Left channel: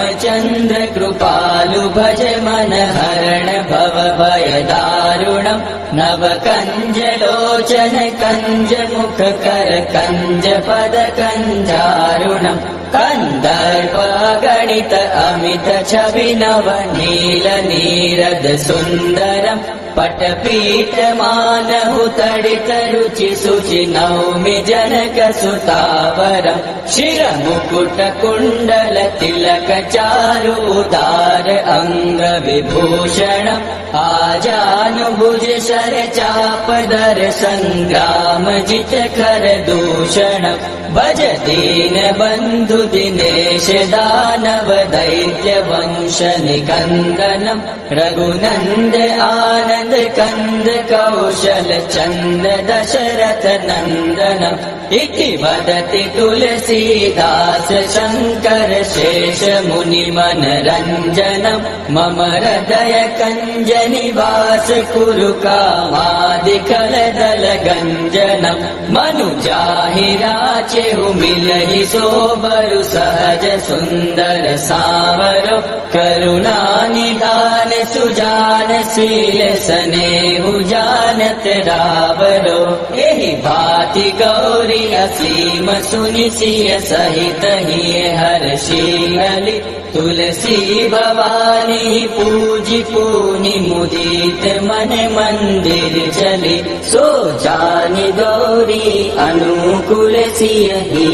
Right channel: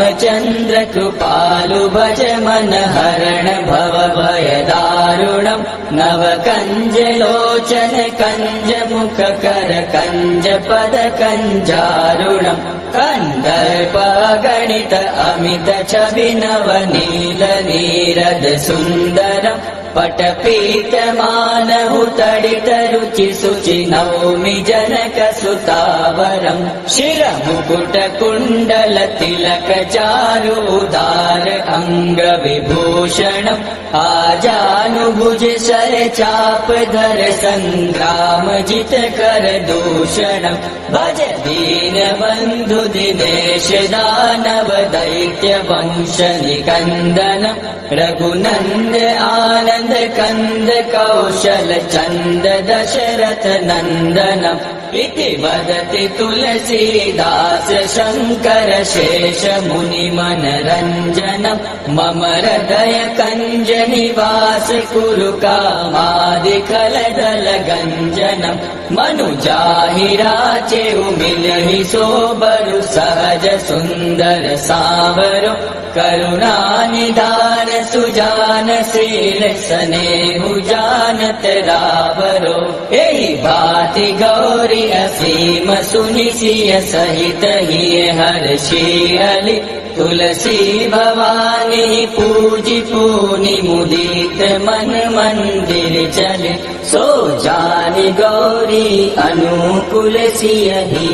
श्रीरामचन्द्र कृपालु भज मन हरण भव भय दारुणम् नव कञ्जलोचन कञ्ज मुख कर कञ्ज पद कञ्जारुणम् कन्दर्प गणित अमित छवि नव नील नीरद सुन्दरम् पटपीठ मानहु तडित रुचि शुचि नौमि जनक सुतावरम् शिर मुकुट कुण्डल तिलक चारु उदार अंग विभूषणम् आजानुभुज शर चाप दर संग्राम जित कर दूषणम् भज दीन बन्धु दिनेश दानव दैत्य वंश निकन्दनम् रघुनन्द आनन्द कंद कौशल चंद दशरथ नंदनम् इति वदति तुलसीदास शंकर शेष मुनि मनरंजनम् मम हृदय कंज निवास कुरु कामादिकल दल गंजनम् मनुजाहि राचेहु मिलहि सोबरु सहज सुंदर सावरो करुणा निधान सुजान शील स्नेहु जानत रावरो एहि भाति गौरी असीम सुनि सिय सहित ही हर्षि तुलसी भवानी पूजि पूनि मुदित मन मंदिर चले सो जानि गौरी अनुकूल सिय ही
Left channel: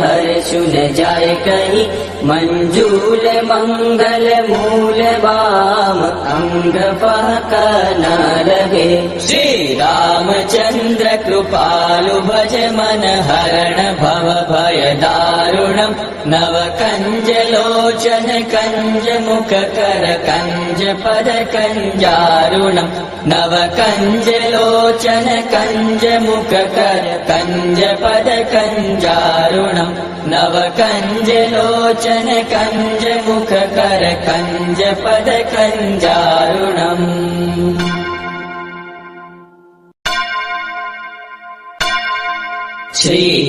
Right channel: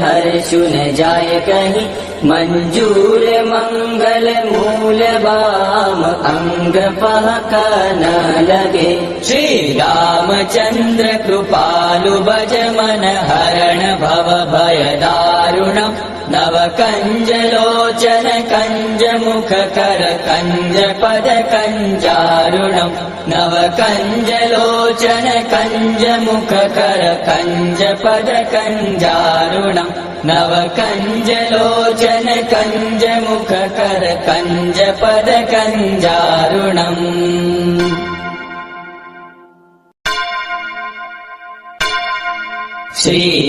हर्षु न जाय कहीं मंजूल मंगल मूल वाम अंग पहक न लगे श्री रामचंद्र कृपालु भज मन हरण भव भय दारुणम् नव कंज लोचन कंज मुख कर कंज पद कंजारुणम् नव कंज लोचन कंज मुख कर कंज पद कंजारुणम् नव कंज लोचन कंज मुख कर कंज पद कंजारुणम्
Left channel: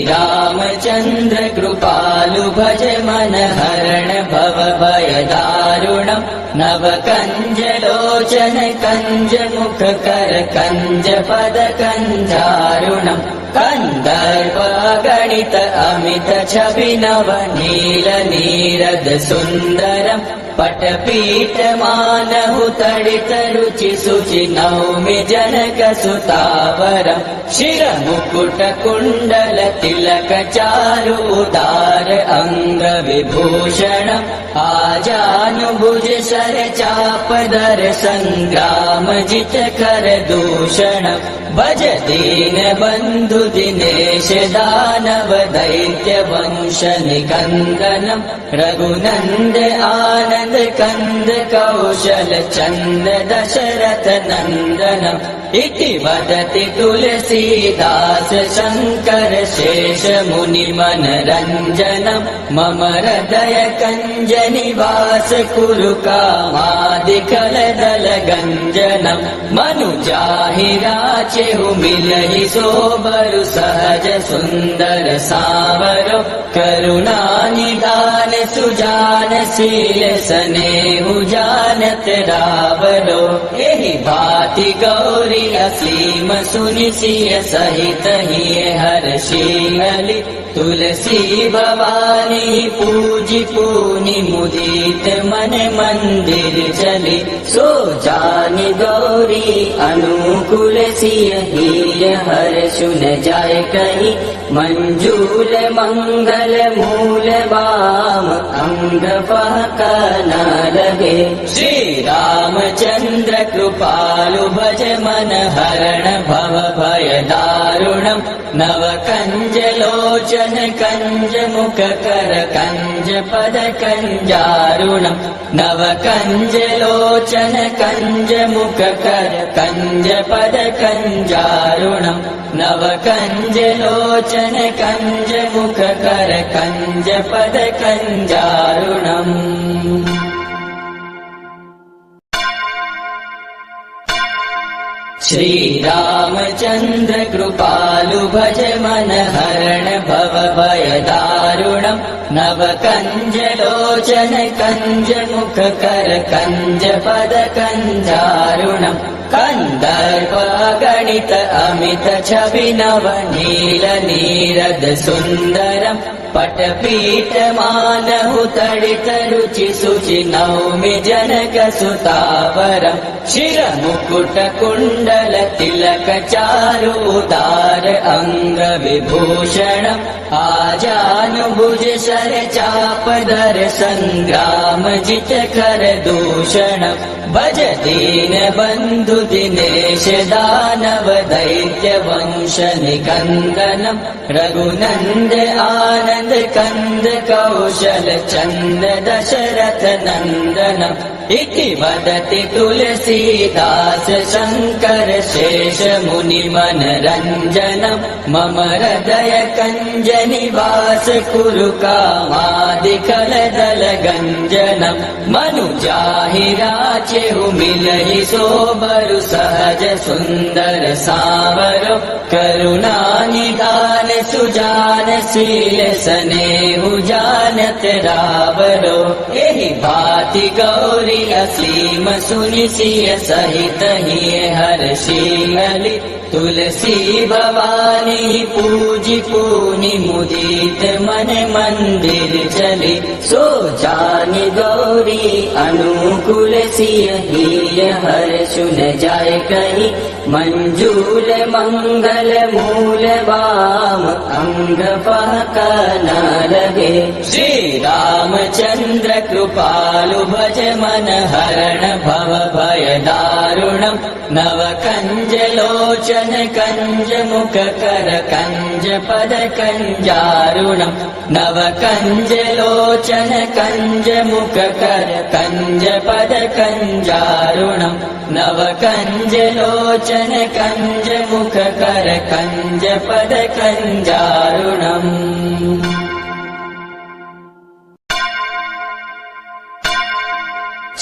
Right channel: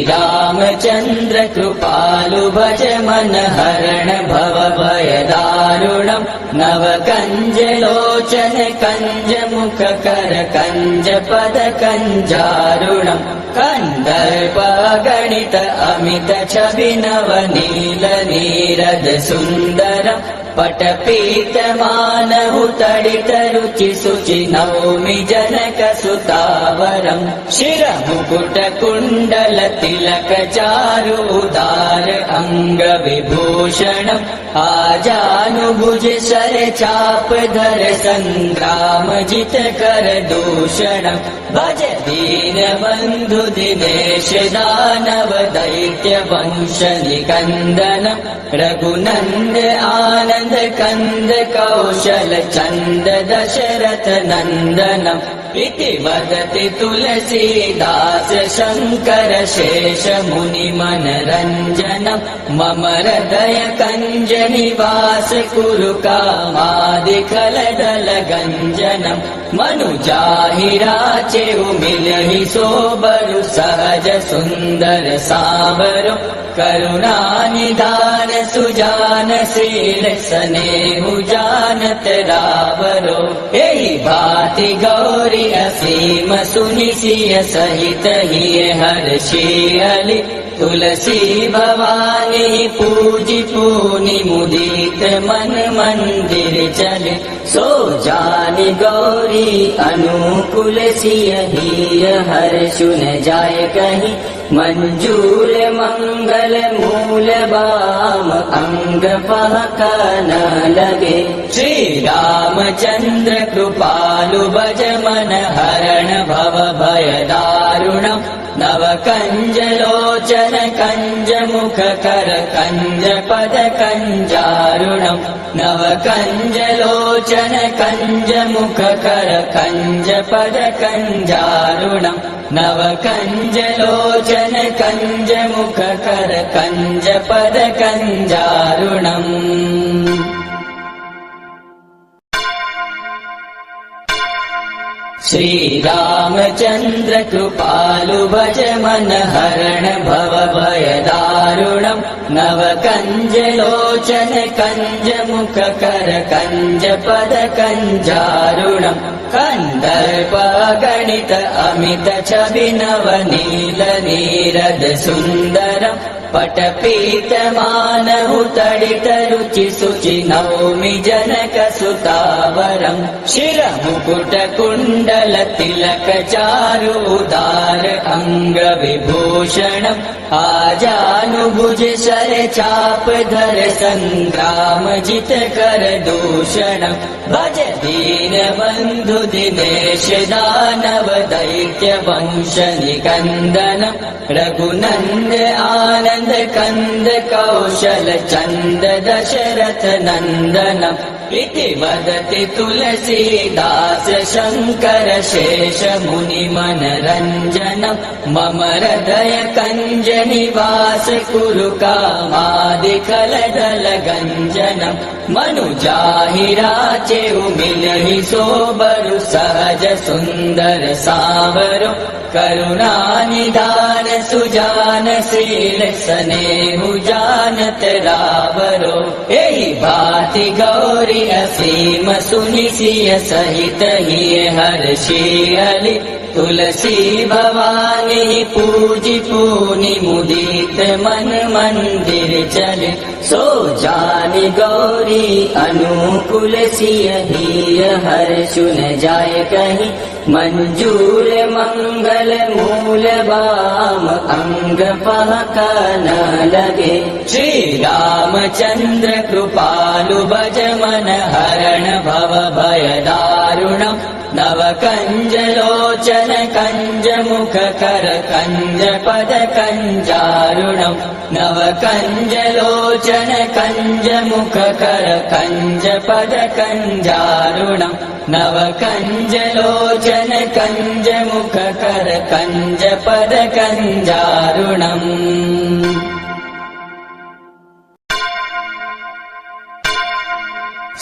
श्रीरामचन्द्र कृपालु भज मन हरण भव भय दारुणम् नव कंज लोचन कंज मुख कर कंज पद कंजारुणम् कन्दर्प गणित अमित छवि नव नील नीरद सुन्दरम् पटपीठ मानहु तडित रुचि शुचि नौमि जनक सुतावरम् शिर मुकुट कुण्डल तिलक चारु उदार अंग विभूषणम् आजानुभुज शर चाप दर संग्राम जित कर दूषणम् भज दीन बन्धु दिनेश दानव दैत्य वंश निकन्दनम् रघुनन्द आनन्द कंद कौशल चंद दशरथ नंदनम् इति वदति तुलसीदास शंकर शेष मुनि मनरंजनम् मम हृदय कंज निवास कुरु कामादिकल दल गंजनम् मनुजाहि राचेहु मिलहि सोबरु सहज सुंदर सावरो करुणा निधान सुजान शील स्नेहु जानत रावरो एहि भाति गौरी असीम सुनि सिय सहित ही हर्षि तुलसी भवानी पूजि पूनि मुदित मन मंदिर चले सो जानि गौरी अनुकूल सिय ही हर्षु न जाय कहीं मंजूल मंगल मूल वाम अंग पहक न लगे श्री रामचंद्र कृपालु भज मन हरण भव भय दारुणम् नव कंज लोचन कंज मुख कर कंज पद कंजारुणम् नव कंज लोचन कंज मुख कर कंज पद कंजारुणम् नव कंज लोचन कंज मुख कर कंज पद कंजारुणम् श्रीरामचन्द्र कृपालु भज मन हरण भव भय दारुणम् नव कंज लोचन कंज मुख कर कंज पद कंजारुणम् कंदर्प गणित अमित छवि नव नील नीरद सुन्दरम् पटपीठ मानहु तडित रुचि सुचि नौमि जनक सुतावरम् शिर मुकुट कुण्डल तिलक चारु उदार अंग विभूषणम् आजानुभुज शर चाप दर संग्राम जित कर दूषणम् भज दीन बन्धु दिनेश दानव दैत्य वंश निकन्दनम् रघुनन्द आनन्द कंद कौशल चंद दशरथ नंदनम् इति वदति तुलसीदास शंकर शेष मुनि मनरंजनम् मम हृदय कंज निवास कुरु कामादिकल दल गंजनम् मनुजाहि राचेहु मिलहि सोबरु सहज सुंदर सावरो करुणा निदान सुजान शील स्नेहु जानत रावरो एहि भाति गौरी असीम सुनि सिय सहित ही हर्षि हलि तुलसी भवानी पूजि पूनि मुदित मन मंदिर चले सो जानि गौरी अनुकूल सिय ही हर्षुन जाय कहि मंजूर मंगल मूल वाम अंग पहक न लगे श्री रामचंद्र कृपालु भज मन हरण भव भय दारुणम् नव कंज लोचन कंज मुख कर कंज पद कंजारुणम् नव कंज लोचन कंज मुख कर कंज पद कंजारुणम् नव कंज लोचन कंज मुख कर कंज पद कंजारुणम्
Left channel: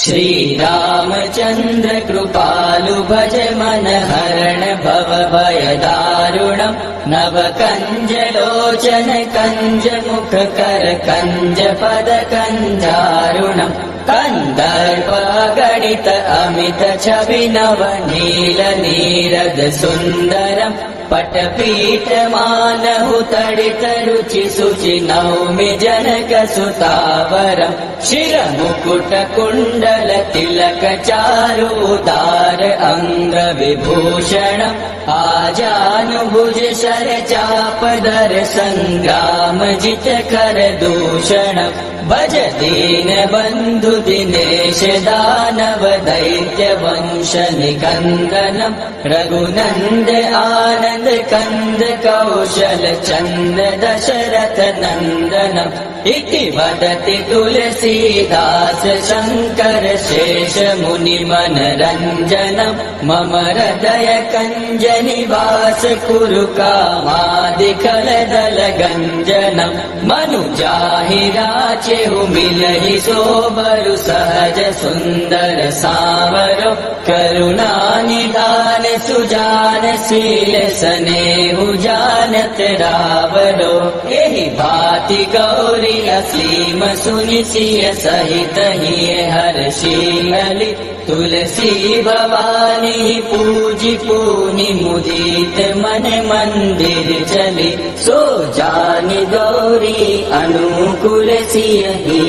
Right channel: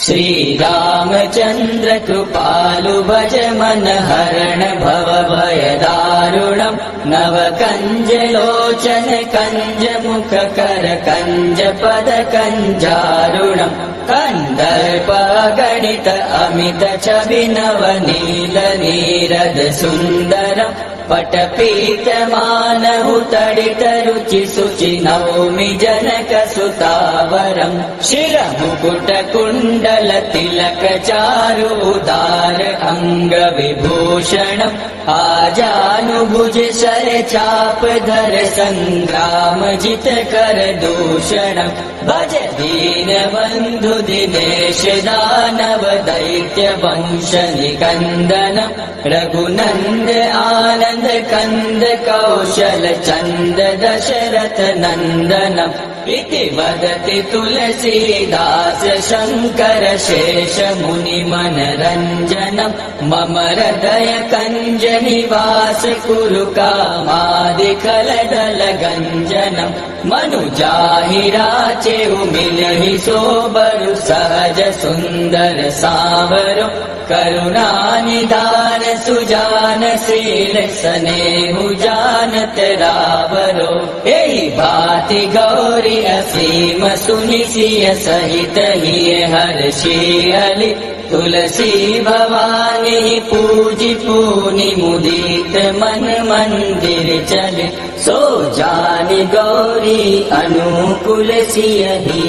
श्री रामचंद्र कृपालु भज मन हरण भव भय दारुणम् नव कंज लोचन कंज मुख कर कंज पद कंजारुणम् कंदर्प गणित अमित छवि नव नील नीरद सुन्दरम् पटपीठ मानहु तडित रुचि सुचि नौमि जनक सुतावरम् शिर मुकुट कुण्डल तिलक चारु उदार अंग विभूषणम् आजानुभुज शर चाप दर संग्राम जित कर दूषणम् भज दीन बन्धु दिनेश दानव दैत्य वंश निकन्दनम् रघुनन्द आनन्द कंद कौशल चंद दशरथ नंदनम् इति वदति तुलसीदास शंकर शेष मुनि मनरंजनम् मम हृदय कंज निवास कुरु कामादिकल दल गंजनम् मनुजाहि राचेहु मिलहि सोबरु सहज सुंदर सावरो करुणा निदान सुजान शील स्नेहु जानत रावरो एहि भाति गौरी असीम सुनि सिय सहित ही हर्षि हलि तुलसी भवानी पूजि पूनि मुदित मन मंदिर चले सो जानि गौरी अनुकूल सिय ही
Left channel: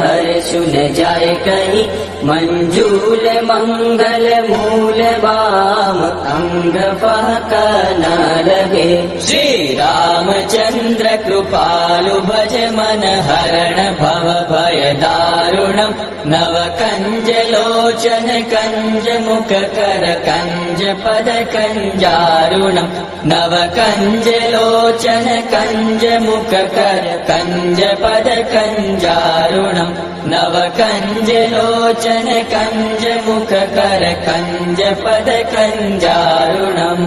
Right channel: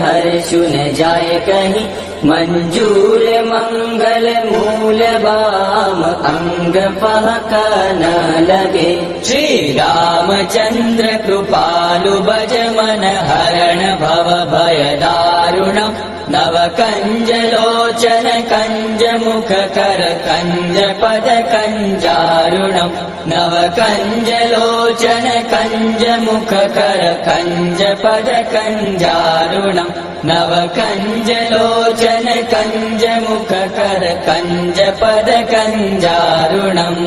हर्षुन जाय कहि मंजूर मंगल मूल वाम अंग पहक न लगे श्री रामचंद्र कृपालु भज मन हरण भव भय दारुणम् नव कंज लोचन कंज मुख कर कंज पद कंजारुणम् नव कंज लोचन कंज मुख कर कंज पद कंजारुणम् नव कंज लोचन कंज मुख कर कंज पद कंजारुणम्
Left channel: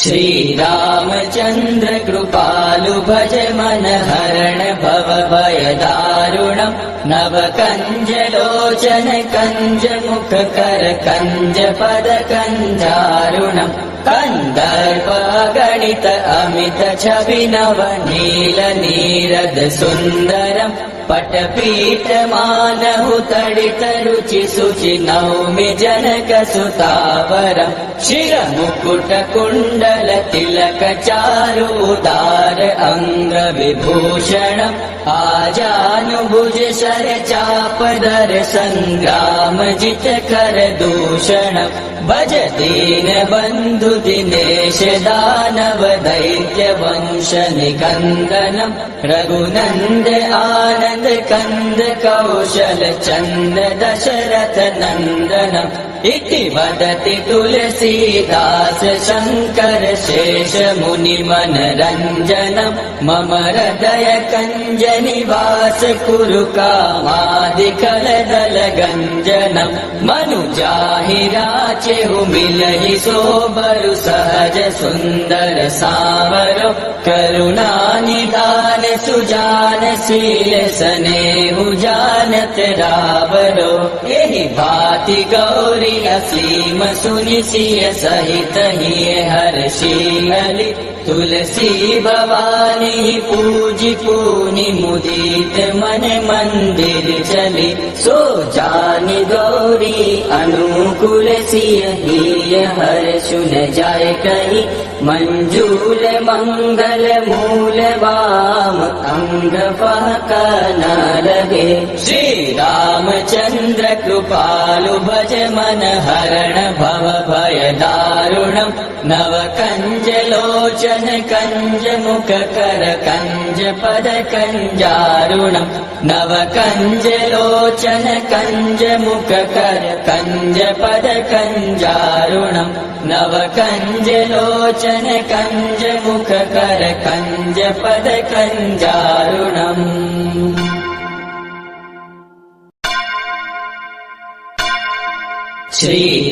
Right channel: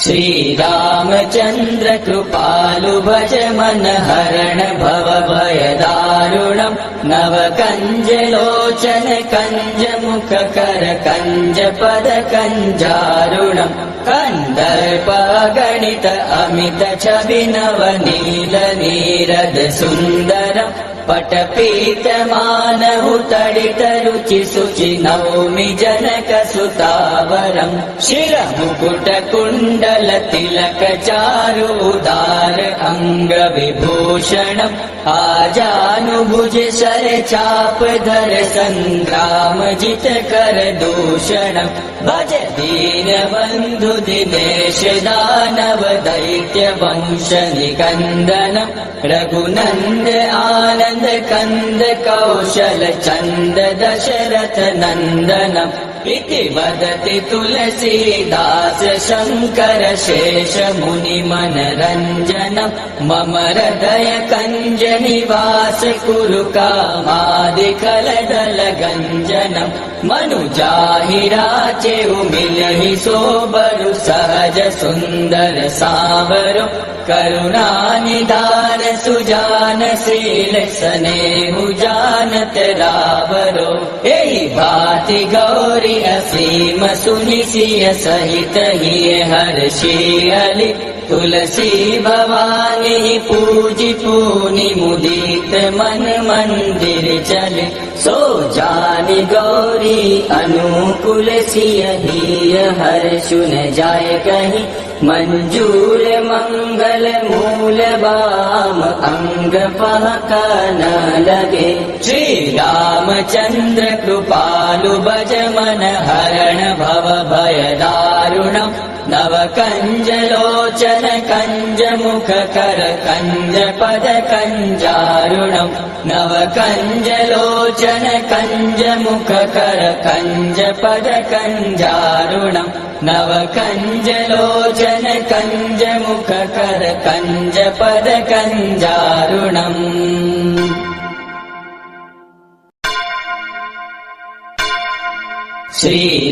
श्रीरामचन्द्र कृपालु भज मन हरण भव भय दारुणम् नव कंज लोचन कंज मुख कर कंज पद कंजारुणम् कंदर्प गणित अमित छवि नव नील नीरद सुन्दरम् पटपीठ मानहु तडित रुचि सुचि नौमि जनक सुतावरम् शिरमुकुट कुण्डल तिलक चारु उदार अंग विभूषणम् आजानुभुज शर चाप दर संग्राम जित कर दूषणम् भज दीन बन्धु दिनेश दानव दैत्य वंश निकन्दनम् रघुनन्द आनन्द कंद कौशल चंद दशरथ नंदनम् इति वदति तुलसीदास शंकर शेष मुनि मनरंजनम् मम हृदय कंज निवास कुरु कामादिकल दल गंजनम् मनुजाहि राचेहु मिलहि सोबरु सहज सुंदर सामरो करुणा निधान सुजान शील स्नेहु जानत रावरो एहि भाति गौरी असीम सुनि सिय सहित ही हर्षियलि तुलसी भवानी पूजि पूनि मुदित मन मंदिर चली सो जानि गौरी अनुकूल सिय ही हर्षुन जाय कहि मंजूर मंगल मूल वाम अंग पहक न लगे श्री रामचंद्र कृपालु भज मन हरण भव भय दारुणम् नव कंज लोचन कंज मुख कर कंज पद कंजारुणम् नव कंज लोचन कंज मुख कर कंज पद कंजारुणम् नव कंज लोचन कंज मुख कर कंज पद कंजारुणम्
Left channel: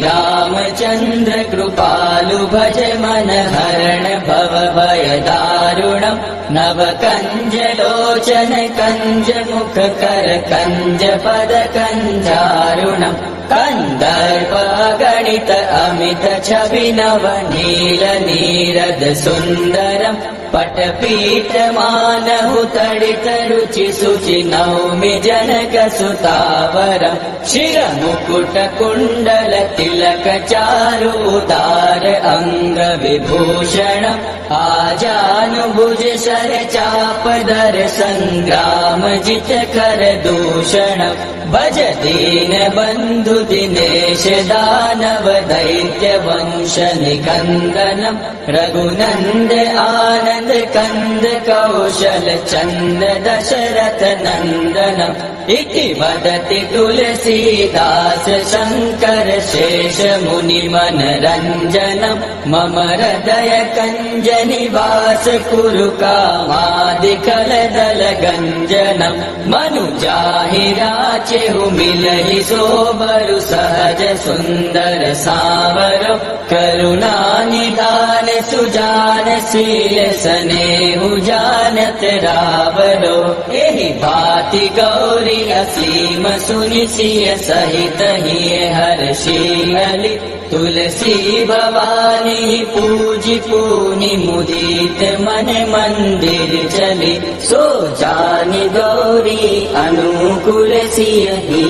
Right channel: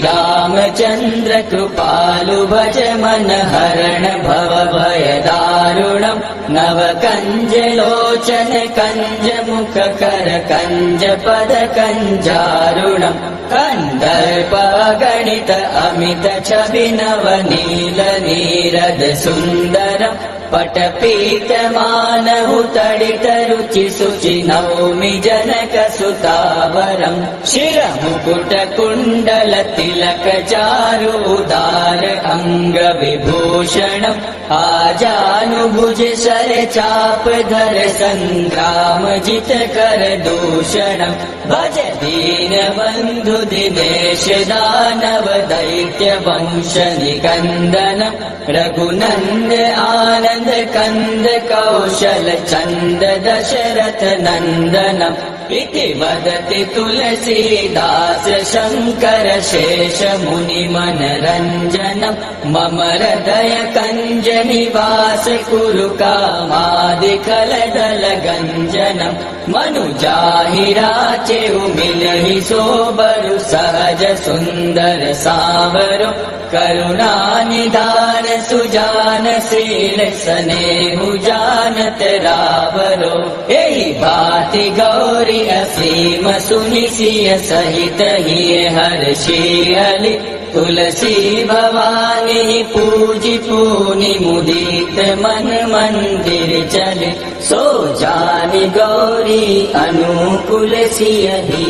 श्रीरामचन्द्र कृपालु भज मन हरण भव भय दारुणम् नव कंज लोचन कंज मुख कर कंज पद कंजारुणम् कंदर्प गणित अमित छवि नव नील नीरद सुन्दरम् पटपीठ मानहु तडित रुचि सुचि नौमि जनक सुतावरम् शिरमुकुट कुण्डल तिलक चारु उदार अंग विभूषणम् आजानुभुज शर चाप दर संग्राम जित कर दूषणम् भज दीन बन्धु दिनेश दानव दैत्य वंश निकन्दनम् रघुनन्द आनन्द कंद कौशल चंद दशरथ नंदनम् इति वदति तुलसीदास शंकर शेष मुनि मनरंजनम् मम हृदय कंज निवास कुरु कामादिकल दल गंजनम् मनुजाहि राचेहु मिलहि सोबरु सहज सुंदर सामरो करुणा निधान सुजान शील स्नेहु जानत रावरो एहि भाति गौरी असीम सुनि सिय सहित ही हर्षियलि तुलसी भवानी पूजि पूनि मुदित मन मंदिर चली सो जानि गौरी अनुकूल सिय ही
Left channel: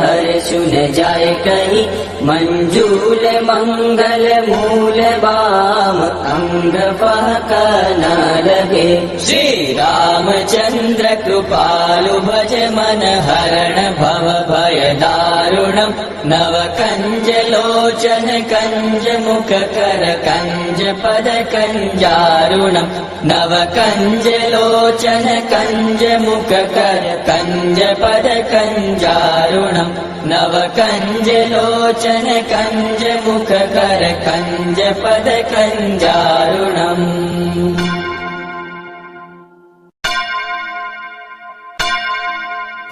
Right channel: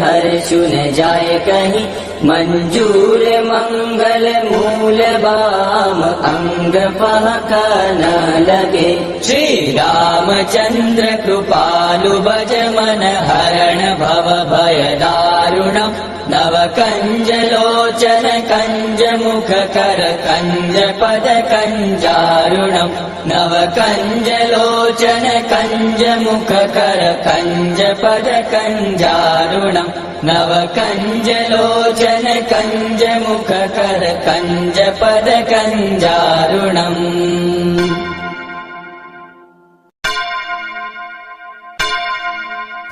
हर्षुन जाय कहि मंजूर मंगल मूल वाम अंग पहक न लगे श्री रामचंद्र कृपालु भज मन हरण भव भय दारुणम् नव कंज लोचन कंज मुख कर कंज पद कंजारुणम् नव कंज लोचन कंज मुख कर कंज पद कंजारुणम् नव कंज लोचन कंज मुख कर कंज पद कंजारुणम्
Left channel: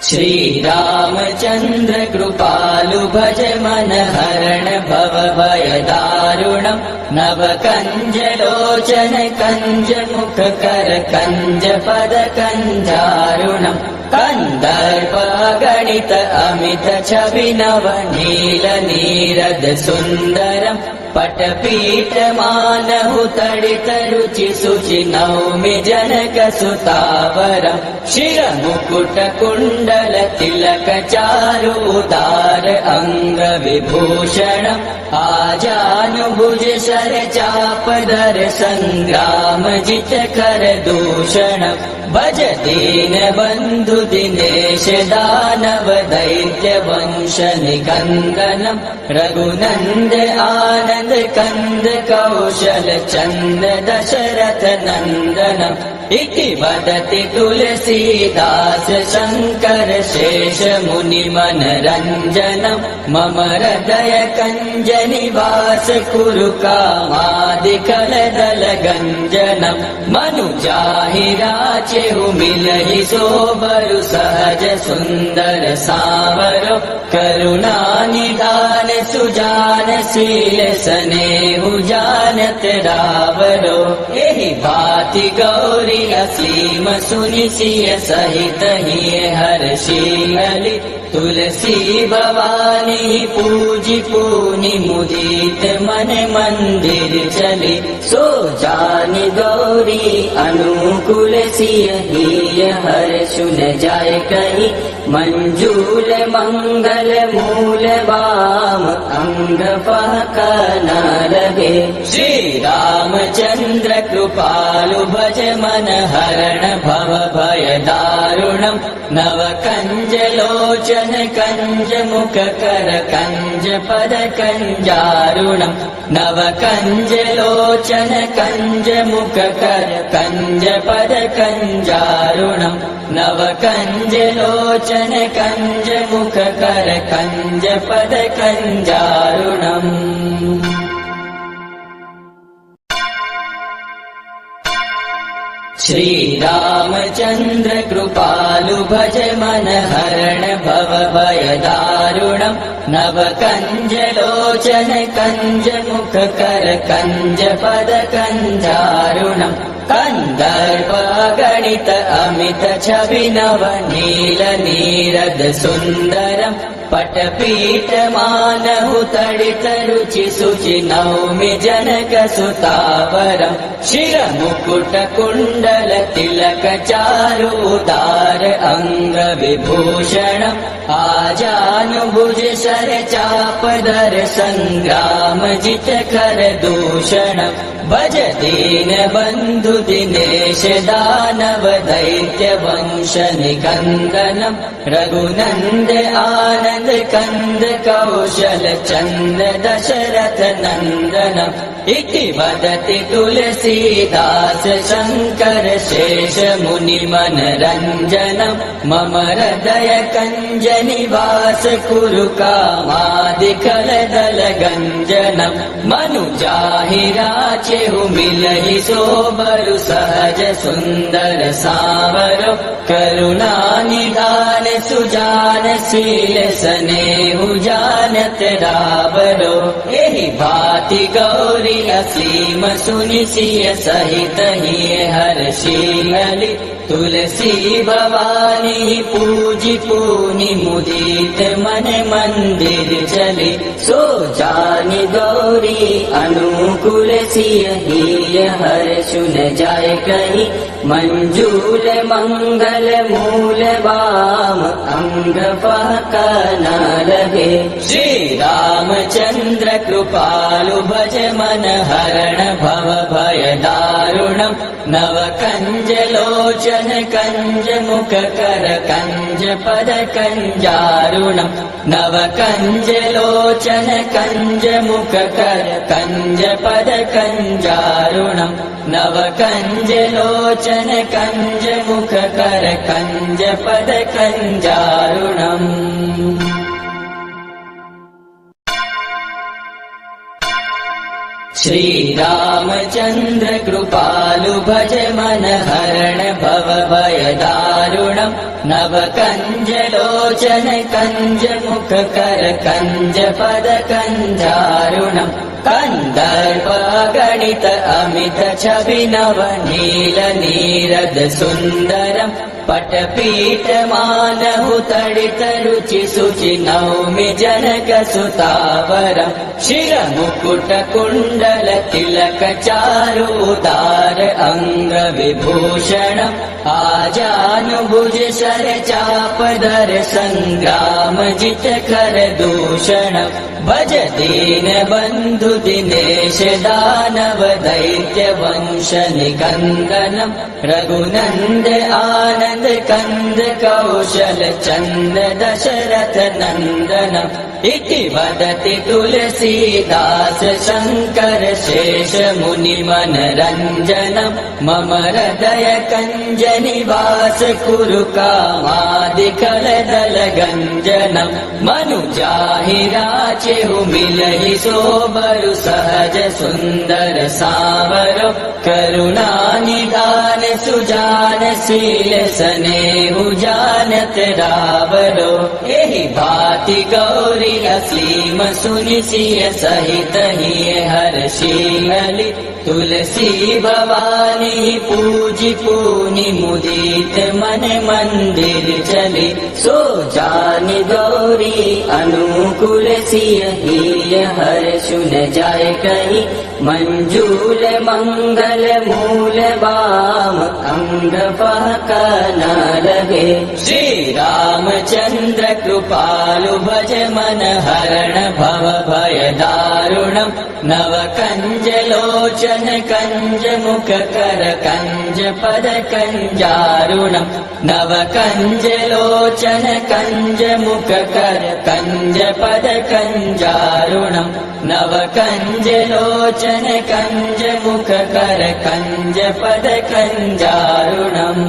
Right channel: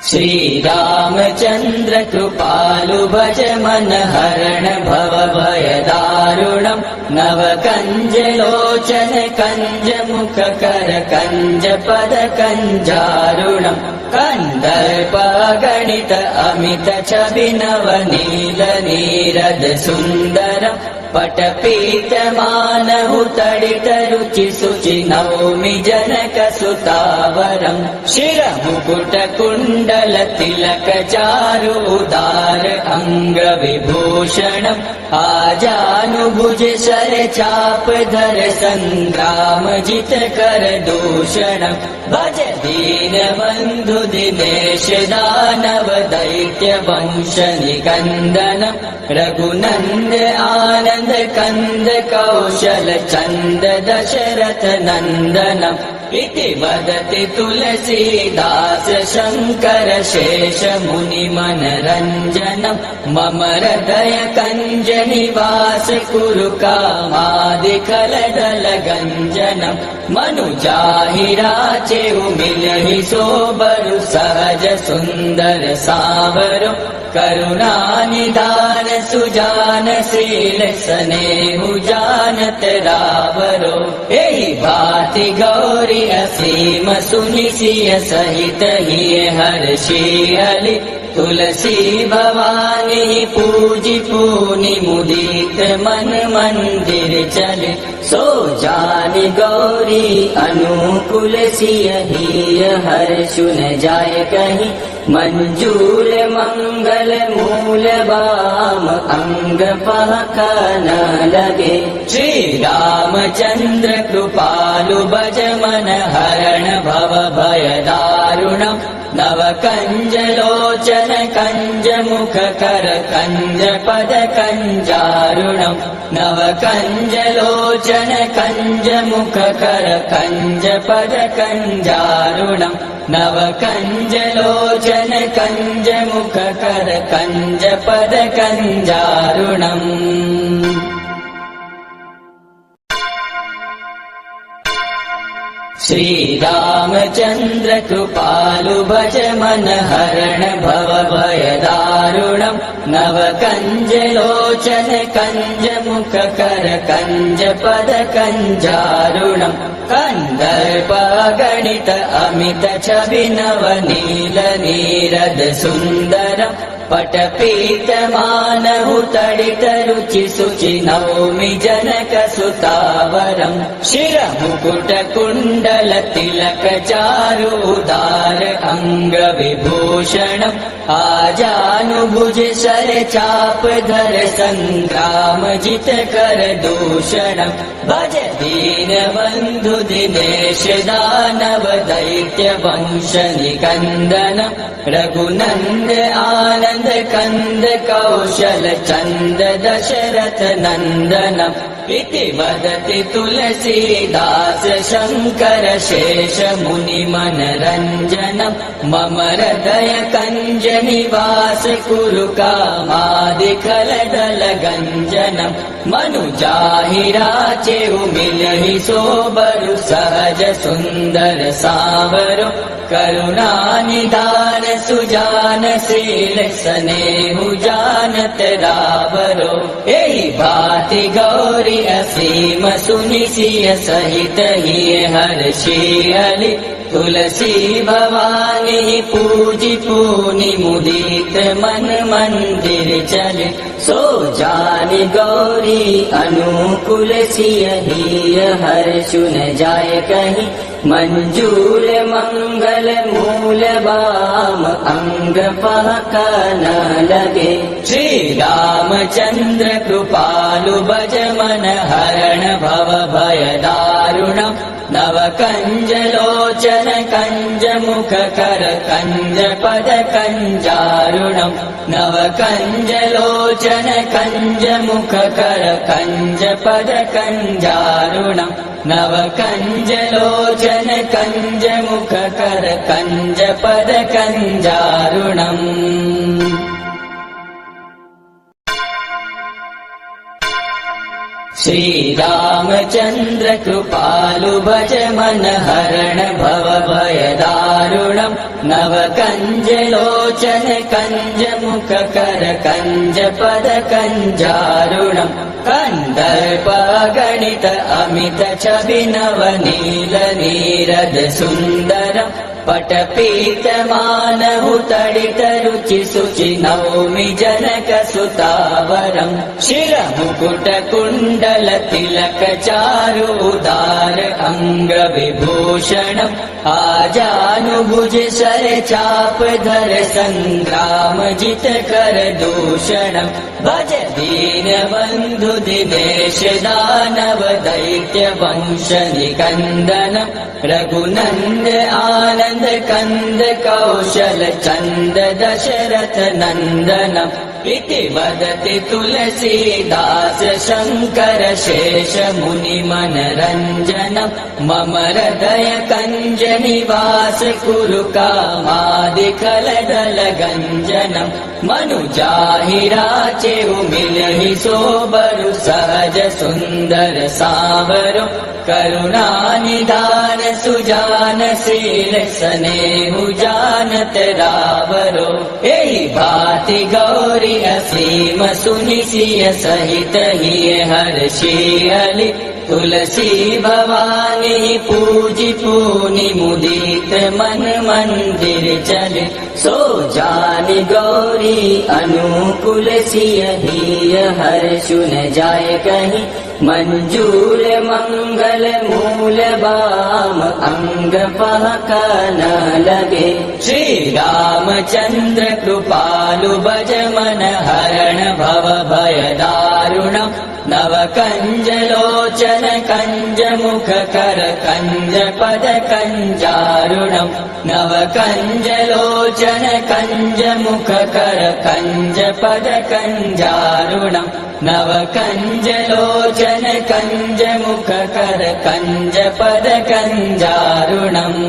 श्रीरामचन्द्र कृपालु भज मन हरण भव भय दारुणम् नव कञ्जलोचन कञ्ज मुख कर कञ्ज पद कञ्जारुणम् कन्दर्प गणित अमित छवि नव नील नीरद सुन्दरम् पटपीठ मानहु तडित रुचि शुचि नौमि जनक सुतावरम् शिर मुकुट कुण्डल तिलक चारु उदार अंग विभूषणम् आजानुभुज शर चाप दर संग्राम जित कर दूषणम् भज दीन बन्धु दिनेश दानव दैत्य वंश निकन्दनम् रघुनन्द आनन्द कंद कौशल चंद दशरथ नंदनम् इति वदति तुलसीदास शंकर शेष मुनि मनरंजनम् मम हृदय कंज निवास कुरु कामादिकल दल गंजनम् मनुजाहि राचेहु मिलहि सोबरु सहज सुंदर सावरो करुणा निधान सुजान शील स्नेहु जानत रावरो एहि भाति गौरी असीम सुनि सिय सहित हिय हर्षि हलि तुलसी भवानी पूजि पुनि मुदित मन मंदिर चले सो जानि गौरी अनुकूल सिय हिय हर्षु न जाय कहि मंजूल मंगल मूल वाम अंग फाका न लगे श्री रामचंद्र कृपालु भज मन हरण भव भय दारुणम् नव कंज लोचन कंज मुख कर कंज पद कंजारुणम् नव कंज लोचन कंज मुख कर कंज पद कंजारुणम् नव कंज लोचन कंज मुख कर कंज पद कंजारुणम् श्रीरामचन्द्र कृपालु भज मन हरण भव भय दारुणम् नव कंज लोचन कंज मुख कर कंज पद कंजारुणम् कन्दर्प गणित अमित छवि नव नील नीरद सुन्दरम् पटपीठ मानहु तडित रुचि शुचि नौमि जनक सुतावरम् शिर मुकुट कुण्डल तिलक चारु उदार अंग विभूषणम् आजानुभुज शर चाप दर संग्राम जित कर दूषणम् भज दीन बन्धु दिनेश दानव दैत्य वंश निकन्दनम् रघुनन्द आनन्द कंद कौशल चंद दशरथ नंदनम् इति वदति तुलसीदास शंकर शेष मुनि मनरंजनम् मम हृदय कंज निवास कुरु कामादिकल दल गंजनम् मनुजाहि राचेहु मिलहि सोबरु सहज सुंदर सावरो करुणा निधान सुजान शील स्नेहु जानत रावरो एहि भाति गौरी असीम सुनि सिय सहित हिय हर्षि हलि तुलसी भवानी पूजि पुनि मुदित मन मंदिर चले सो जानि गौरी अनुकूल सिय हिय हर्षु न जाय कहि मंजूल मंगल मूल वाम अंग फाका न लगे श्री रामचंद्र कृपालु भज मन हरण भव भय दारुणम् नव कंज लोचन कंज मुख कर कंज पद कंजारुणम् नव कंज लोचन कंज मुख कर कंज पद कंजारुणम् नव कंज लोचन कंज मुख कर कंज पद कंजारुणम् श्रीरामचन्द्र कृपालु भज मन हरण भव भय दारुणम् नव कंज लोचन कंज मुख कर कंज पद कंजारुणम् कंदर्प गणित अमित छवि नव नील नीरद सुन्दरम् पटपीठ मानहु तडित रुचि सुचि नौमि जनक सुतावरम् शिर मुकुट कुण्डल तिलक चारु उदार अंग विभूषणम् आजानुभुज शर चाप दर संग्राम जित कर दूषणम् भज दीन बन्धु दिनेश दानव दैत्य वंश निकन्दनम् रघुनन्द आनन्द कंद कौशल चंद दशरथ नंदनम् इति वदति तुलसीदास शंकर शेष मुनि मनरंजनम् मम हृदय कंज निवास कुरु कामादिकल दल गंजनम् मनुजाहि राचेहु मिलहि सोबरु सहज सुंदर सावरो करुणा निधान सुजान शील स्नेहु जानत रावरो एहि भाति गौरी असीम सुनि सिय सहित ही हर्षि हलि तुलसी भवानी पूजि पूनि मुदित मन मंदिर चले सो जानि गौरी अनुकूल सिय हिय हर्षु न जाय कहीं मंजूल मंगल मूल बाम अंग बहक न लगे श्री रामचंद्र कृपालु भज मन हरण भव भय दारुणम् नव कंज लोचन कंज मुख कर कंज पद कंजारुणम् नव कंज लोचन कंज मुख कर कंज पद कंजारुणम् नव कंज लोचन कंज मुख कर कंज पद कंजारुणम्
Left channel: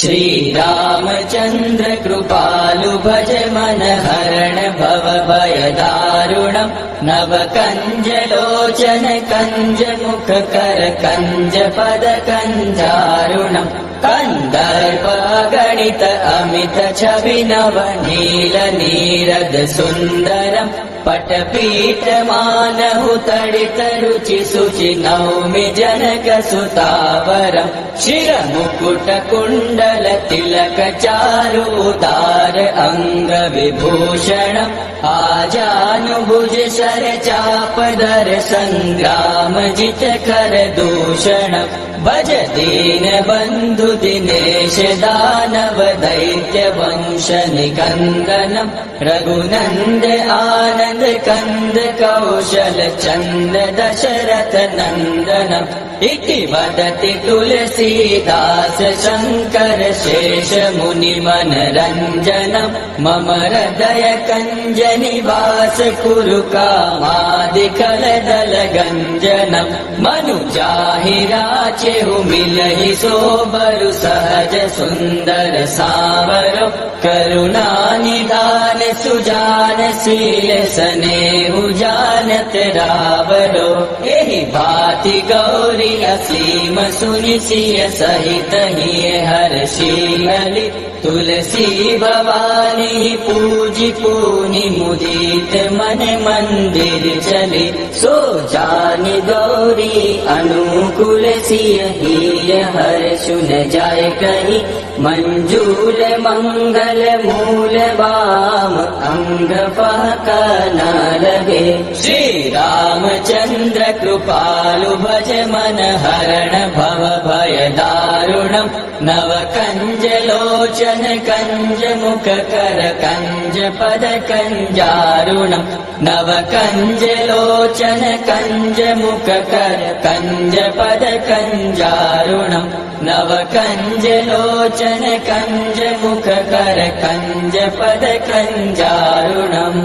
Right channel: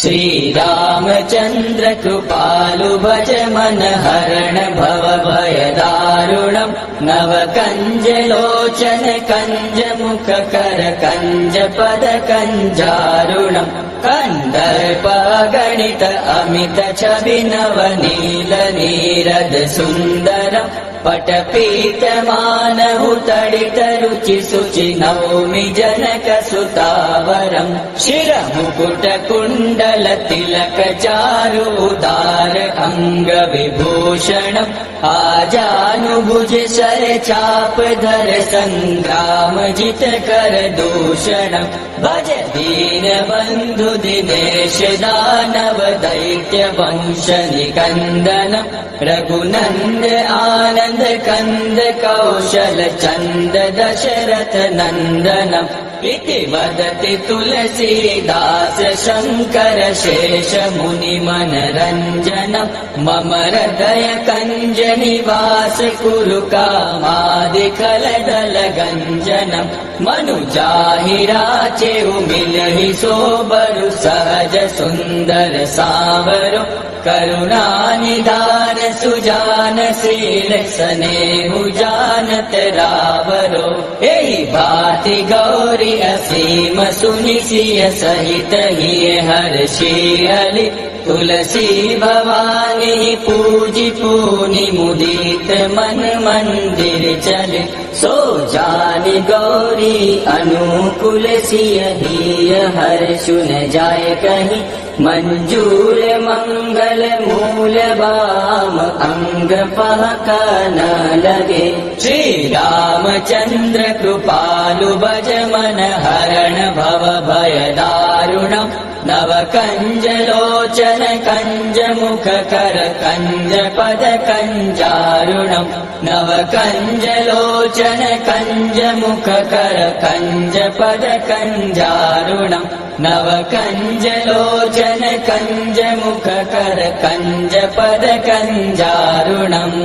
श्री रामचंद्र कृपालु भज मन हरण भव भय दारुणम् नव कंज लोचन कंज मुख कर कंज पद कंजारुणम् कंदर्प गणित अमित छवि नव नील नीरद सुन्दरम् पटपीठ मानहु तडित रुचि सुचि नौमि जनक सुतावरम् शिर मुकुट कुण्डल तिलक चारु उदार अंग विभूषणम् आजानुभुज शर चाप दर संग्राम जित कर दूषणम् भज दीन बन्धु दिनेश दानव दैत्य वंश निकन्दनम् रघुनन्द आनन्द कंद कौशल चंद दशरथ नंदनम् इति वदति तुलसीदास शंकर शेष मुनि मनरंजनम् मम हृदय कंज निवास कुरु कामादिकल दल गंजनम् मनुजाहि राचेहु मिलहि सोबरु सहज सुंदर सावरो करुणा निधान सुजान शील स्नेहु जानत रावरो एहि भाति गौरी असीम सुनि सिय सहित ही हर्षि हलि तुलसी भवानी पूजि पूनि मुदित मन मंदिर चले सो जानि गौरी अनुकूल सिय हिय हर्षु न जाय कहीं मंजूर मंगल मूल बाम अंग बहक न लगे श्री रामचंद्र कृपालु भज मन हरण भव भय दारुणम् नव कंज लोचन कंज मुख कर कंज पद कंजारुणम् नव कंज लोचन कंज मुख कर कंज पद कंजारुणम् नव कंज लोचन कंज मुख कर कंज पद कंजारुणम्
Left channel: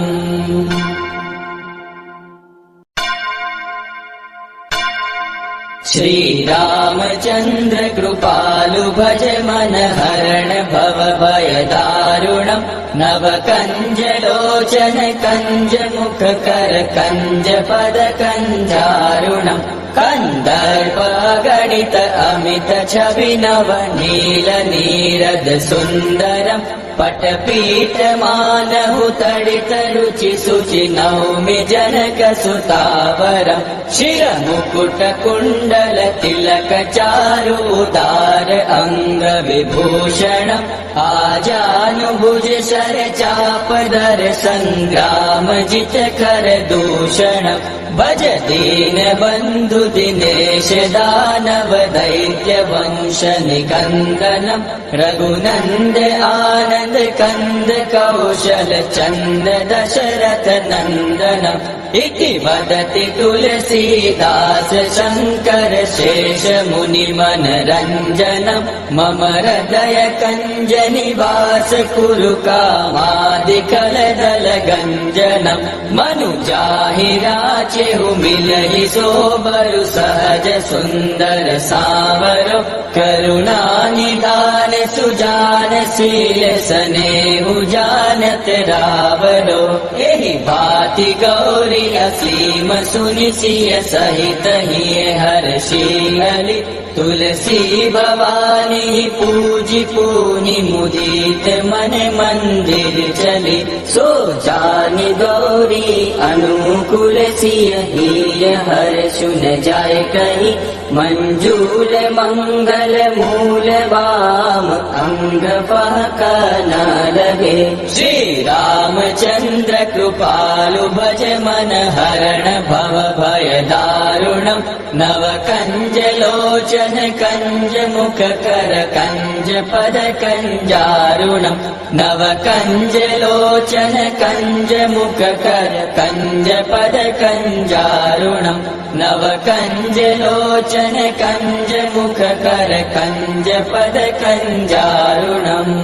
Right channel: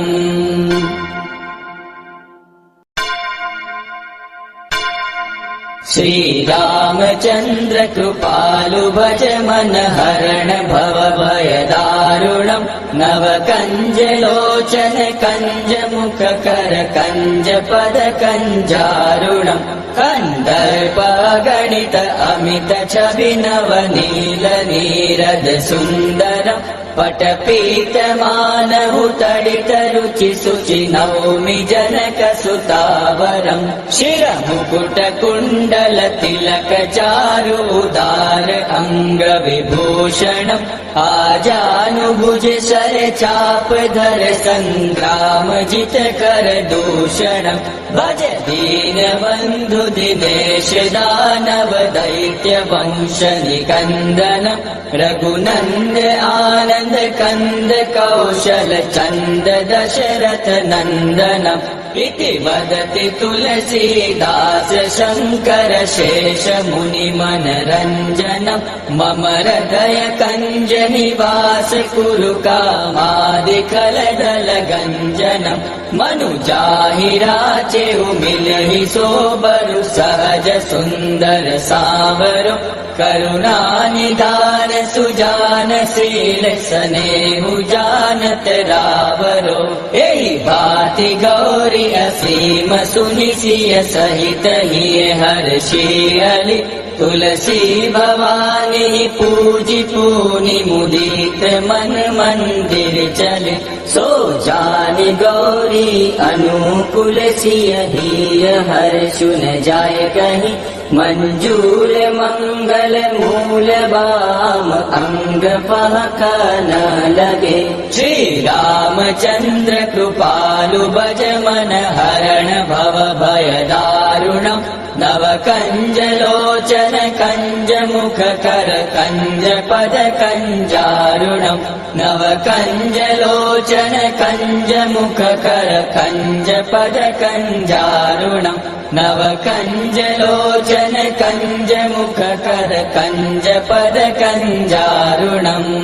श्री रामचंद्र कृपालु भज मन हरण भव भय दारुणम् दारुणम् नवकञ्जलोचन कञ्जमुखकर कञ्जपद कञ्जारुणम् कन्दर्पगणित अमित छवि नवनील नीरद सुन्दरम् पटपीठमानहुतडित रुचि शुचि नौमि जनक सुतावरम् शिरमुकुट कुण्डल तिलक चारुदार अङ्ग विभूषणम् आजानुभुज शर चापदर सङ्ग्राम जित कर दूषणम् भज दीन बन्धु दिनेश दानव दैत्य वंश निकन्दनम् रघुनन्द आनन्द कन्द कौशल चन्द दशरथ नन्दनम् इति वदति तुलसीदास शङ्कर शेष मुनि मनरञ्जनम् मम हृदय कञ्ज निवास कुरु कामादिकलदल गञ्जनम् मनुजाहि राचेहु मिलहि सोबरु सहज सुन्दर सामरो करुणा निधान सुजान शील स्नेहु जानत रावरो एहि भाति गौरी असीम सुनि सिय सहित हिय हर्षियलि तुलसी भवानी पूजि पूनि मुदित मन मंदिर चले सो जानि गौरी अनुकूल सिय हिय हर्षुन जाय कहि मंजूल मंगल मूल वाम अंग पहक न लगे श्री रामचंद्र कृपालु भज मन हरण भव भय दारुणम् नव कंज लोचन कंज मुख कर कंज पद कंजारुणम् नव कंज लोचन कंज मुख कर कंज पद कंजारुणम् नव कंज लोचन कंज मुख कर कंज पद कंजारुणम्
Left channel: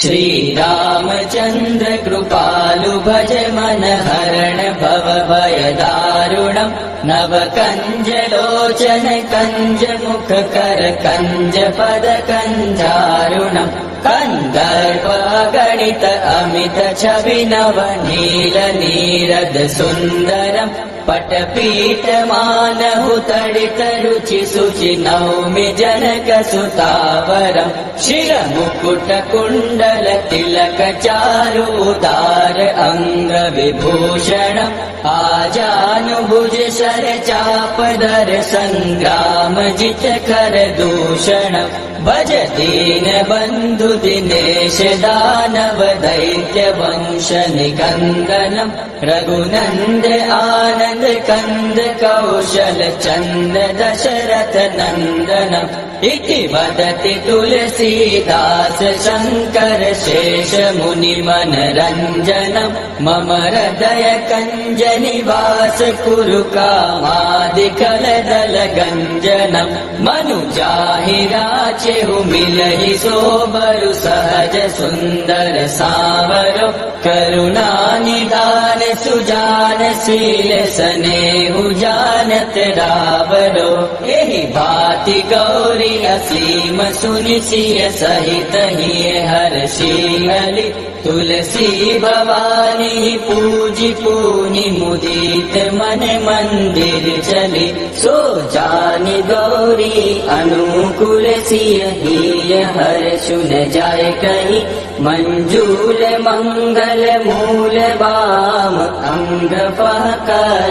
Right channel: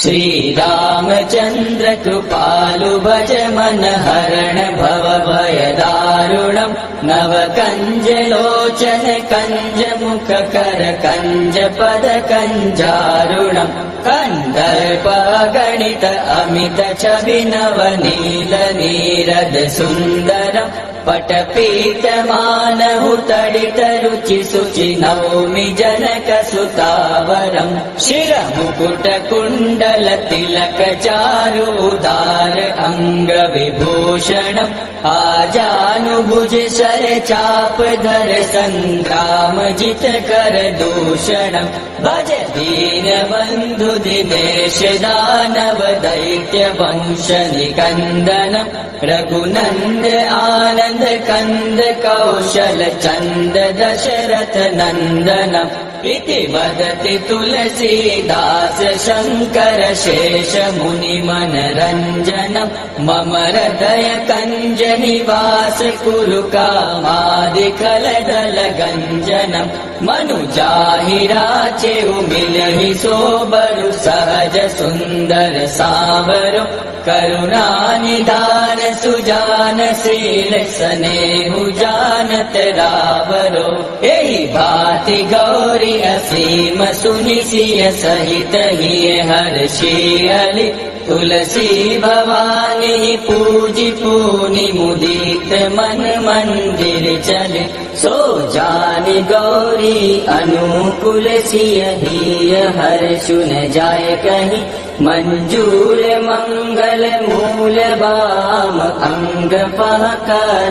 श्री रामचंद्र कृपालु भज मन हरण भव भय दारुणम् नव कंज लोचन कंज मुख कर कंज पद कंजारुणम् कन्दर्पगणित अमित छवि नवनील नीरद सुन्दरम् पटपीठमानहुतडित रुचि शुचि नौमि जनक सुतावरम् शिरमुकुट कुण्डल तिलक चारुदार अङ्ग विभूषणम् आजानुभुज शर चापदर सङ्ग्राम जित कर दूषणम् भज दीन बन्धु दिनेश दानव दैत्य वंश निकन्दनम् रघुनन्द आनन्द कन्द कौशल चन्द दशरथ नन्दनम् इति वदति तुलसीदास शङ्कर शेष मुनि मनरञ्जनम् मम हृदय कञ्ज निवास कुरु कामादिकलदल गञ्जनम् मनुजाहि राचेहु मिलहि सोबरु सहज सुन्दर सामरो करुणा निधान सुजान शील स्नेहु जानत रावरो एहि भाति गौरी असीम सुनि सिय सहित हिय हर्षियलि तुलसी भवानी पूजि पूनि मुदित मन मंदिर चले सो जानि गौरी अनुकूल सिय हिय हर्षुन जाय कहि मंजूल मंगल मूल वाम अंग पहक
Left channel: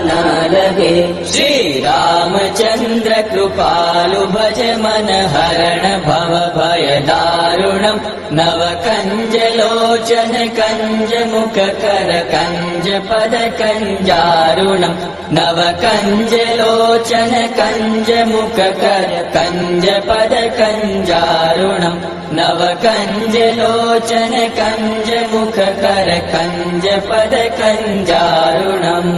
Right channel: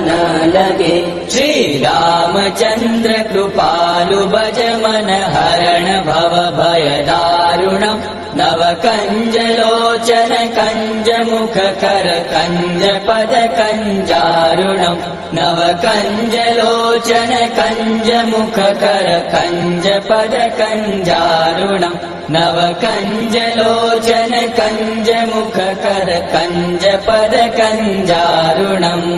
न लगे श्री रामचंद्र कृपालु भज मन हरण भव भय दारुणम् नव कंज लोचन कंज मुख कर कंज पद कंजारुणम् नव कंज लोचन कंज मुख कर कंज पद कंजारुणम् नव कंज लोचन कंज मुख कर कंज पद कंजारुणम्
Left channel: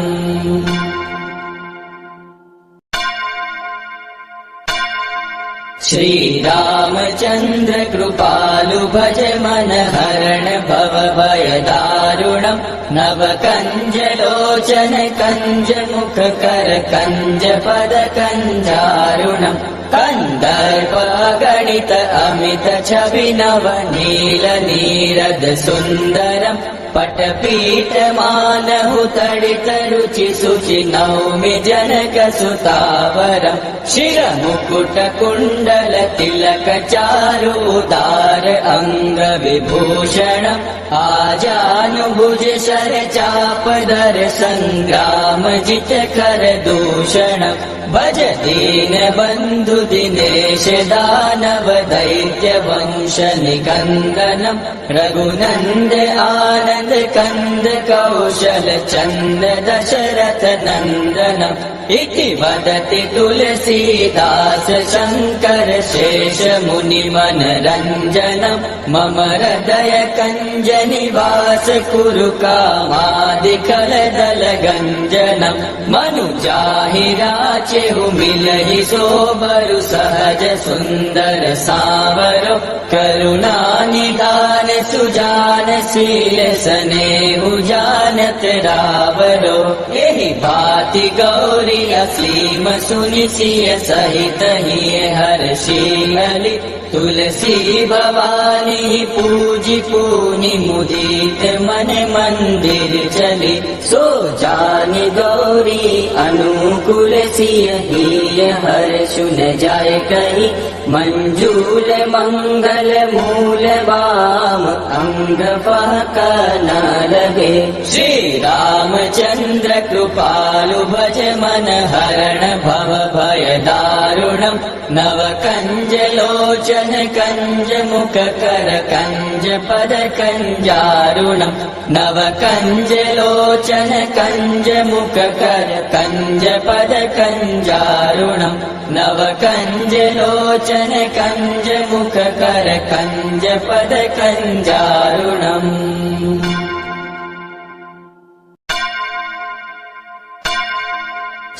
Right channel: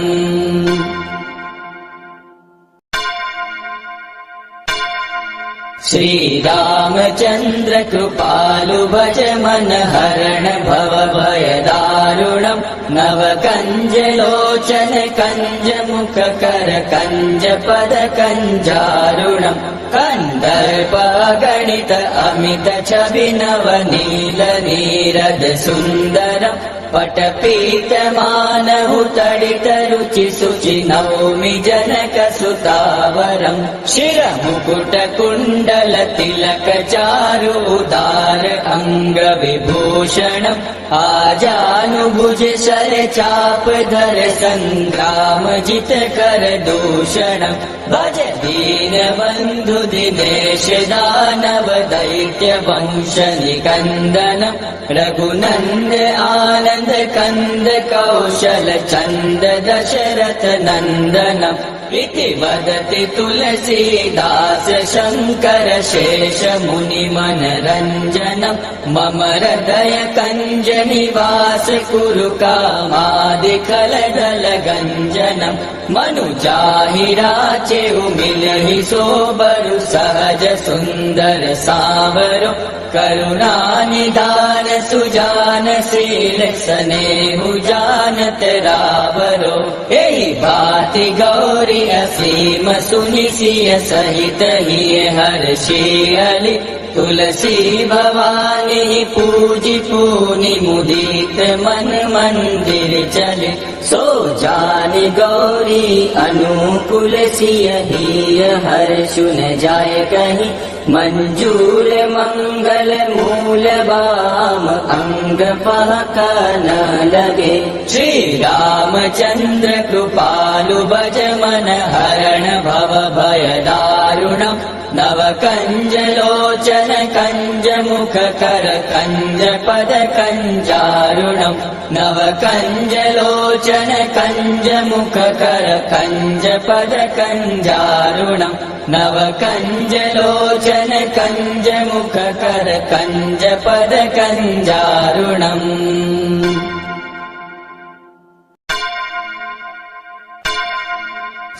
श्रीरामचन्द्र कृपालु भज मन हरण भव भय दारुणम् नव कंज लोचन कंज मुख कर कंज पद कंजारुणम् कंदर्प गणित अमित छवि नव नील नीरद सुन्दरम् पटपीठ मानहु तडित रुचि सुचि नौमि जनक सुतावरम् शिर मुकुट कुण्डल तिलक चारु उदार अंग विभूषणम् आजानुभुज शर चाप दर संग्राम जित कर दूषणम् भज दीन बन्धु दिनेश दानव दैत्य वंश निकन्दनम् रघुनन्द आनन्द कंद कौशल चंद दशरथ नंदनम् इति वदति तुलसीदास शंकर शेष मुनि मनरंजनम् मम हृदय कंज निवास कुरु कामादिकल दल गंजनम् मनु जाहि राचेहु मिलहि सोबरु सहज सुंदर सावरो करुणा निधान सुजान शील स्नेहु जानत रावरो एहि भाति गौरी असीम सुनि सिय सहित ही हर्षि हलि तुलसी भवानी पूजि पूनि मुदित मन मंदिर चले सो जानि गौरी अनुकूल सिय ही हर्षु न जाय कहि मंजूल मंगल मूल वाम अंग फाका न लगे श्री रामचंद्र कृपालु भज मन हरण भव भय दारुणम् नव कंज लोचन कंज मुख कर कंज पद कंजारुणम् नव कंज लोचन कंज मुख कर कंज पद कंजारुणम् नव कंज लोचन कंज मुख कर कंज पद कंजारुणम्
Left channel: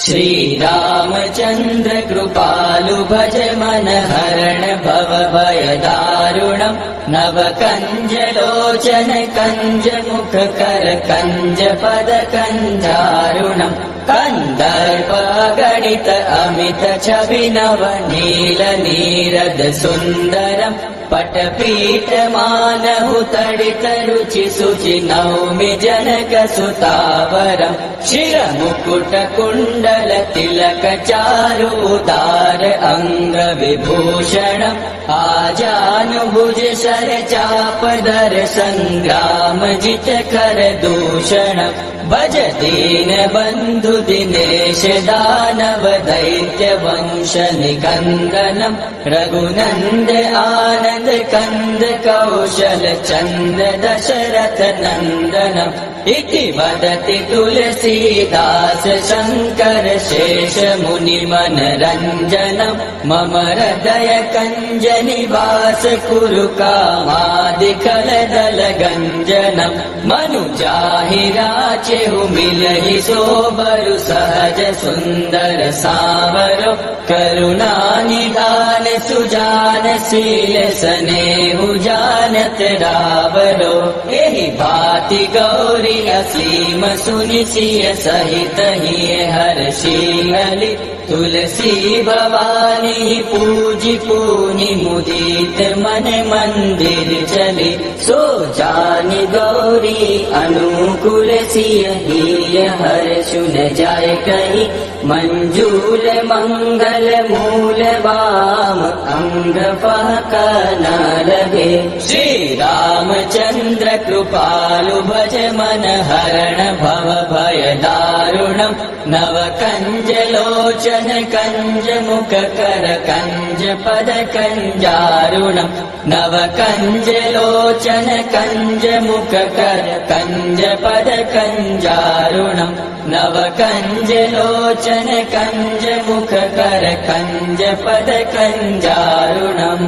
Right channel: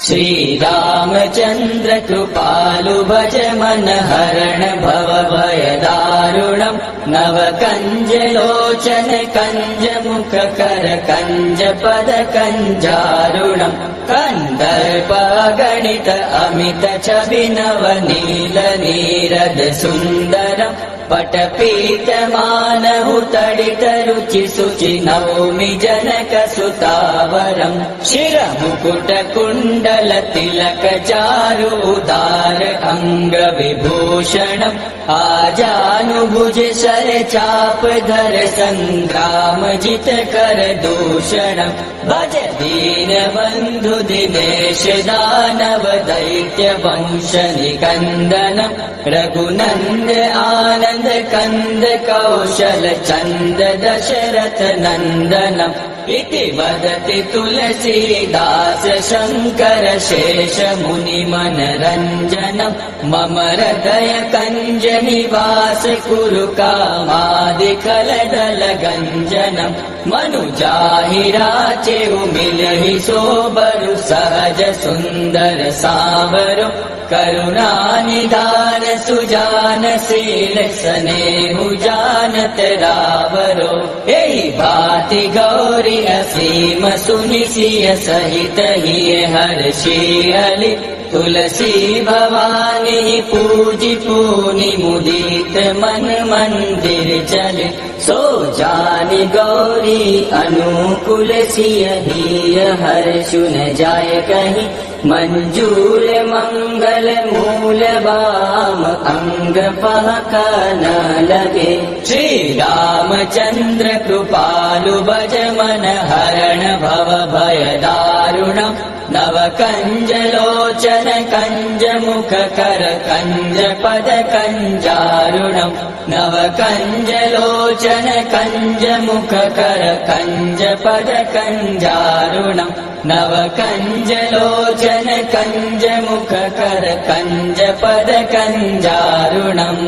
श्री रामचंद्र कृपालु भज मन हरण भव भय दारुणम् नव कंज लोचन कंज मुख कर कंज पद कंजारुणम् कंदर्प गणित अमित छवि नव नील नीरद सुन्दरम् पटपीठ मानहु तडित रुचि सुचि नौमि जनक सुतावरम् शिर मुकुट कुण्डल तिलक चारु उदार अंग विभूषणम् आजानुभुज शर चाप दर संग्राम जित कर दूषणम् भज दीन बन्धु दिनेश दानव दैत्य वंश निकन्दनम् रघुनन्द आनन्द कंद कौशल चंद दशरथ नंदनम् इति वदति तुलसीदास शंकर शेष मुनि मनरंजनम् मम हृदय कंज निवास कुरु कामादिकल दल गंजनम् मनु जाहि राचेहु मिलहि सोबरु सहज सुंदर सावरो करुणा निधान सुजान शील स्नेहु जानत रावरो एहि भाति गौरी असीम सुनि सिय सहित ही हर्षि हलि तुलसी भवानी पूजि पूनि मुदित मन मंदिर चले सो जानि गौरी अनुकूल सिय ही हर्षु न जाय कहि मंजूल मंगल मूल वाम अंग फाका न लगे श्री रामचंद्र कृपालु भज मन हरण भव भय दारुणम् नव कंज लोचन कंज मुख कर कंज पद कंजारुणम् नव कंज लोचन कंज मुख कर कंज पद कंजारुणम् नव कंज लोचन कंज मुख कर कंज पद कंजारुणम्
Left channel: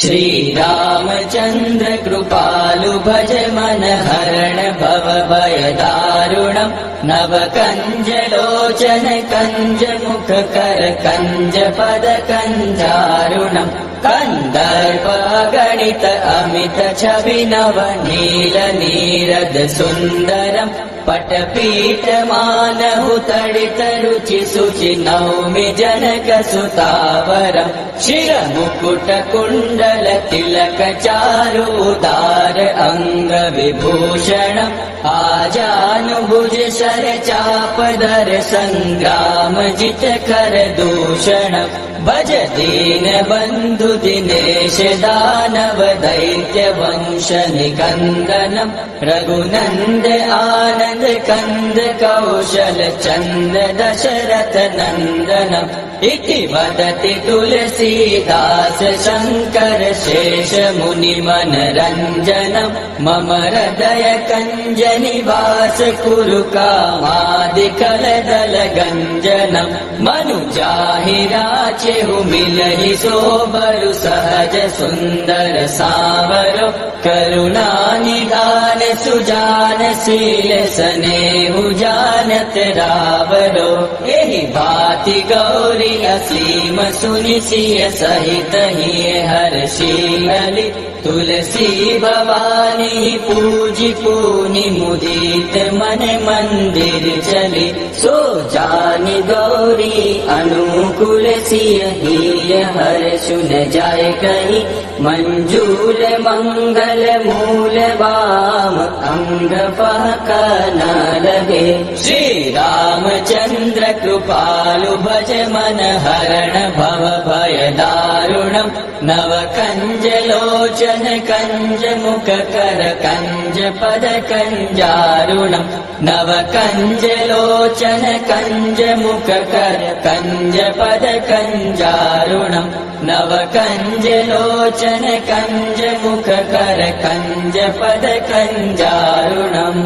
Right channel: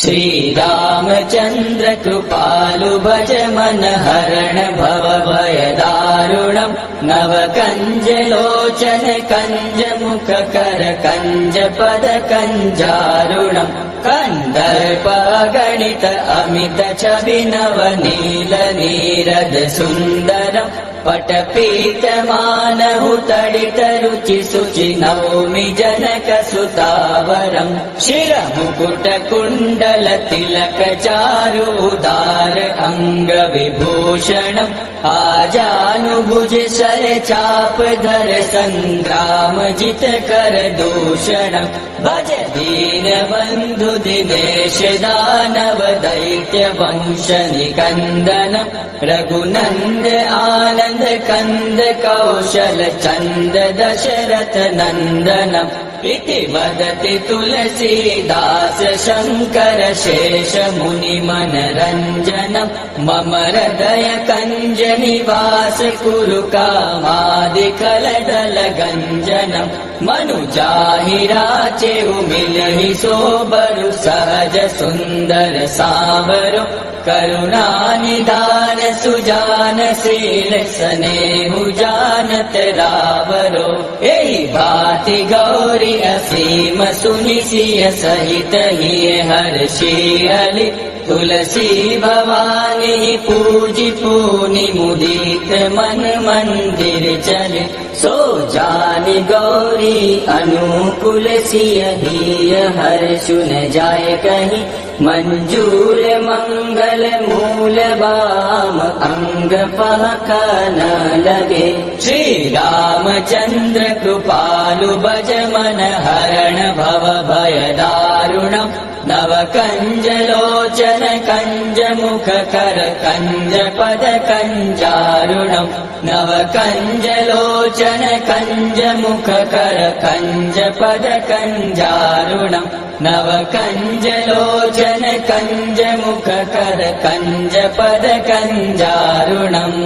श्री रामचंद्र कृपालु भज मन हरण भव भय दारुणम् नव कञ्जलोचन कञ्जमुखकर कञ्जपद कञ्जारुणम् कन्दर्पगणित अमित छवि नवनील नीरद सुन्दरम् पटपीठमानहुतडित रुचि शुचि नौमि जनक सुतावरम् शिरमुकुट कुण्डल तिलक चारुदार अङ्ग विभूषणम् आजानुभुज शर चापदर सङ्ग्राम जित कर दूषणम् भज दीन बन्धु दिनेश दानव दैत्य वंश निकन्दनम् रघुनन्द आनन्द कन्द कौशल चन्द दशरथ नन्दनम् इति वदति तुलसीदास शङ्कर शेष मुनि मनरञ्जनम् मम हृदय कञ्ज निवास कुरु कामादिकलदल गञ्जनम् मनुजाहि राचेहु मिलहि सोबरु सहज सुन्दर सावरो करुणानिधान सुजान शील स्नेहु जानत रावरो एहि भाति गौरी असीम सुनि सिय सहित हिय हर्षि हलि तुलसी भवानी पूजि पूनि मुदित मन मंदिर चले सो जानि गौरी अनुकूल सिय हिय हर्षु न जाय कहीं मंजूर मंगल मूल वाम अंग पहक न लगे श्री रामचंद्र कृपालु भज मन हरण भव भय दारुणम् नव कंज लोचन कंज मुख कर कंज पद कंजारुणम् नव कंज लोचन कंज मुख कर कंज पद कंजारुणम् नव कंज लोचन कंज मुख कर कंज पद कंजारुणम्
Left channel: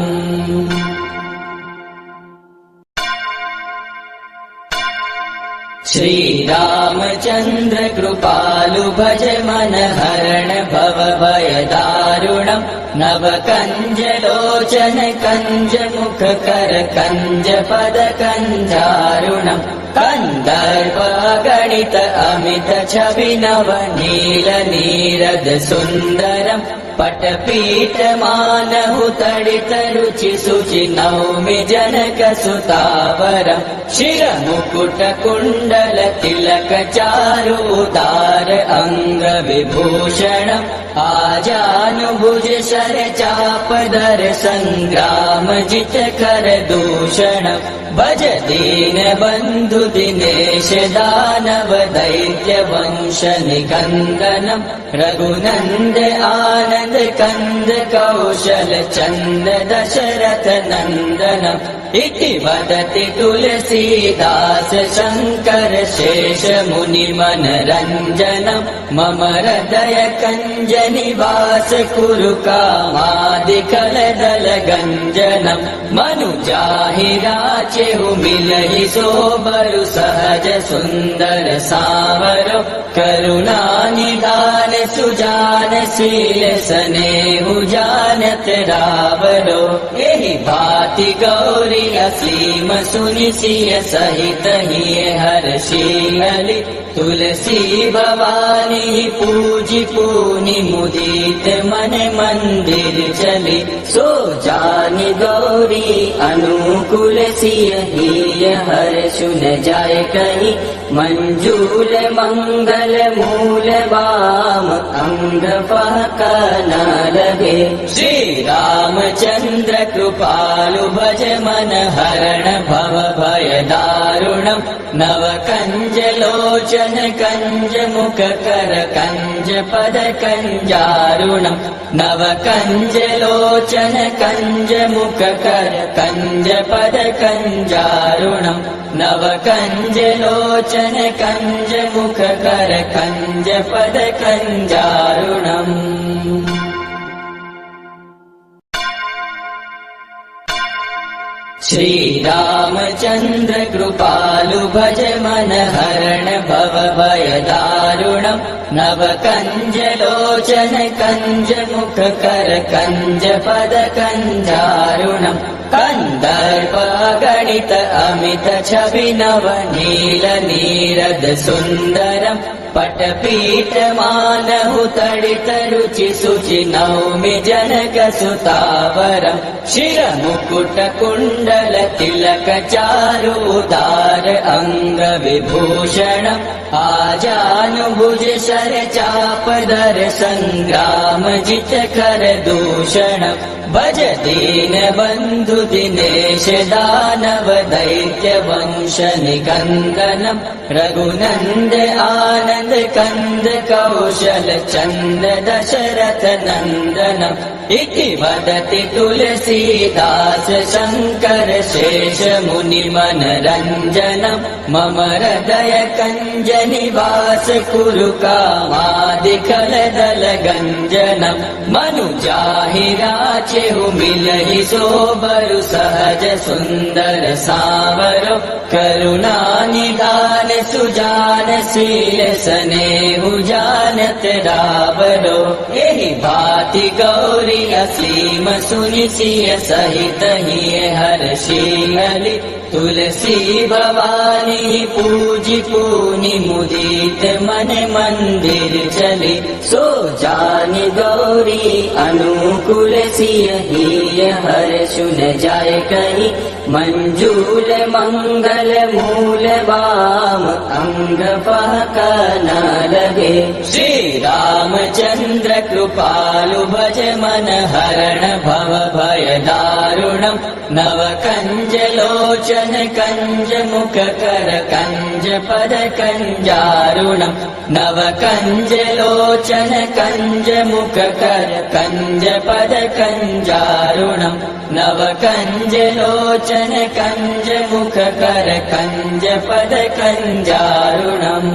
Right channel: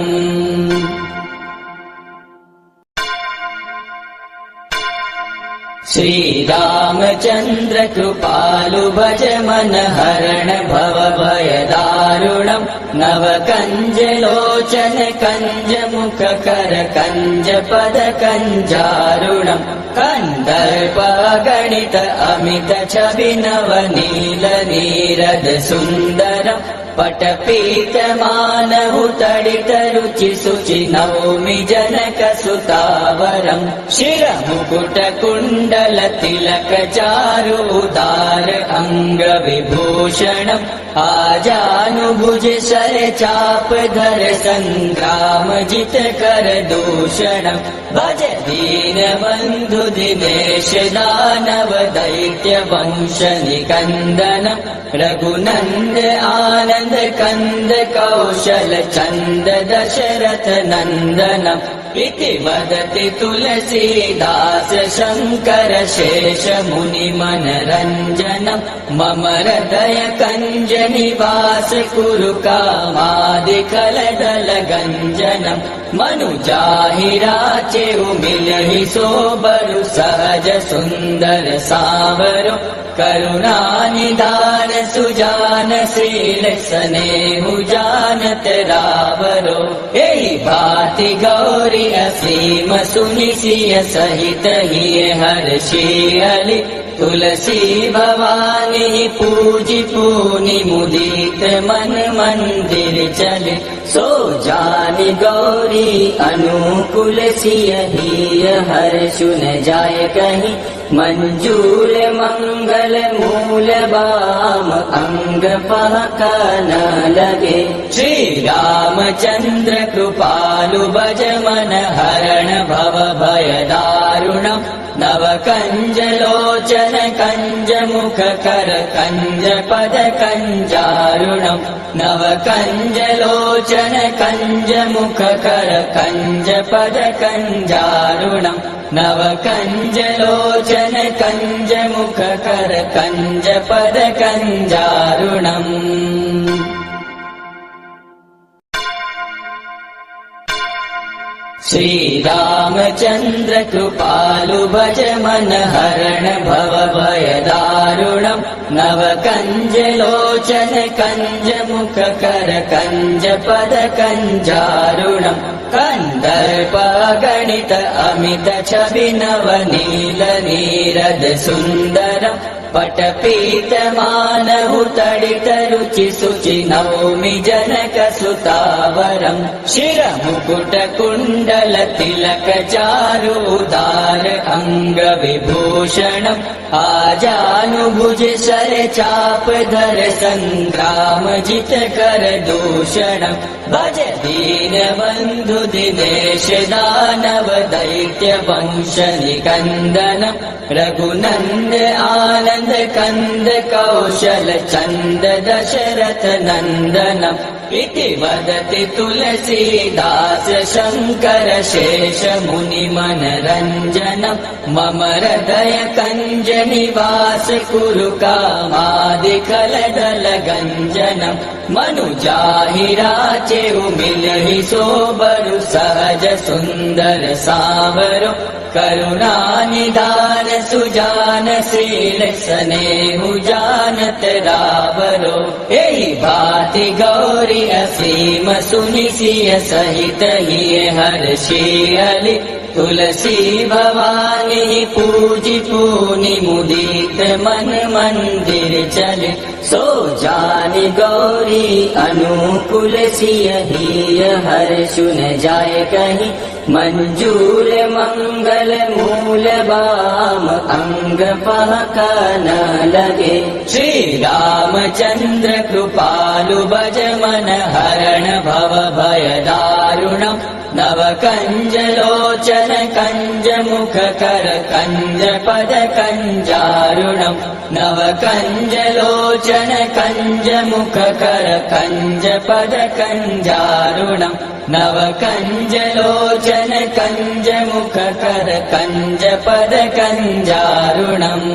श्री रामचंद्र कृपालु भज मन हरण भव भय दारुणम् नव कंज लोचन कंज मुख कर कंज पद कंजारुणम् कन्दर्प गणित अमित छवि नवनील नीरद सुन्दरम् पटपीठमानहुतडित रुचि शुचि नौमि जनक सुतावरम् शिरमुकुट कुण्डल तिलक चारुदार अङ्ग विभूषणम् आजानुभुज शर चापदर सङ्ग्राम जित कर दूषणम् भज दीन बन्धु दिनेश दानव दैत्य वंश निकन्दनम् रघुनन्द आनन्द कन्द कौशल चन्द दशरथ नन्दनम् इति वदति तुलसीदास शङ्कर शेष मुनि मनरञ्जनम् मम हृदय कञ्ज निवास कुरु कामादिकलदल गञ्जनम् मनुजाहि राचेहु मिलहि सोबरु सहज सुन्दर सावरो करुणानिधान सुजान शील स्नेहु जानत रावरो एहि भाति गौरी असीम सुनि सिय सहित हिय हर्षि हलि तुलसी भवानी पूजि पूनि मुदित मन मंदिर चले सो जानि गौरी अनुकूल सिय हिय हर्षु न जाय कहीं मंजूर मंगल मूल वाम अंग पहक न लगे श्री रामचंद्र कृपालु भज मन हरण भव भय दारुणम् नव कंज लोचन कंज मुख कर कंज पद कंजारुणम् नव कंज लोचन कंज मुख कर कंज पद कंजारुणम् नव कंज लोचन कंज मुख कर कंज पद कंजारुणम् श्री रामचंद्र कृपालु भज मन हरण भव भय दारुणम् नव कंज लोचन कंज मुख कर कंज पद कंजारुणम् कन्दर्प गणित अमित छवि नव नील नीरद सुन्दरम् पटपीठ मानहु तडित रुचि शुचि नौमि जनक सुतावरम् शिरमुकुट कुण्डल तिलक चारुदार अङ्ग विभूषणम् आजानुभुज शर चाप दर सङ्ग्राम जित कर दूषणम् भज दीन बन्धु दिनेश दानव दैत्य वंश निकन्दनम् रघुनन्द आनन्द कंद कौशल चन्द दशरथ नन्दनम् इति वदति तुलसीदास शङ्कर शेष मुनि मनरञ्जनम् मम हृदय कञ्ज निवास कुरु कामादिकलदल गञ्जनम् मनुजाहि राचेहु मिलहि सोबरु सहज सुन्दर सावरो करुणा निधान सुजान शील स्नेहु जानत रावरो एहि भाति गौरी असीम सुनि सिय सहित हिय हर्षियलि तुलसी भवानी पूजि पूनि मुदित मन मंदिर चले सो जानि गौरी अनुकूल सिय हिय हर्षु न जाय कहि मंजूल मंगल मूल वाम अंग पाका न लगे श्री रामचंद्र कृपालु भज मन हरण भव भय दारुणम् नव कंज लोचन कंज मुख कर कंज पद कंजारुणम् नव कंज लोचन कंज मुख कर कंज पद कंजारुणम् नव कंज लोचन कंज मुख कर कंज पद कंजारुणम्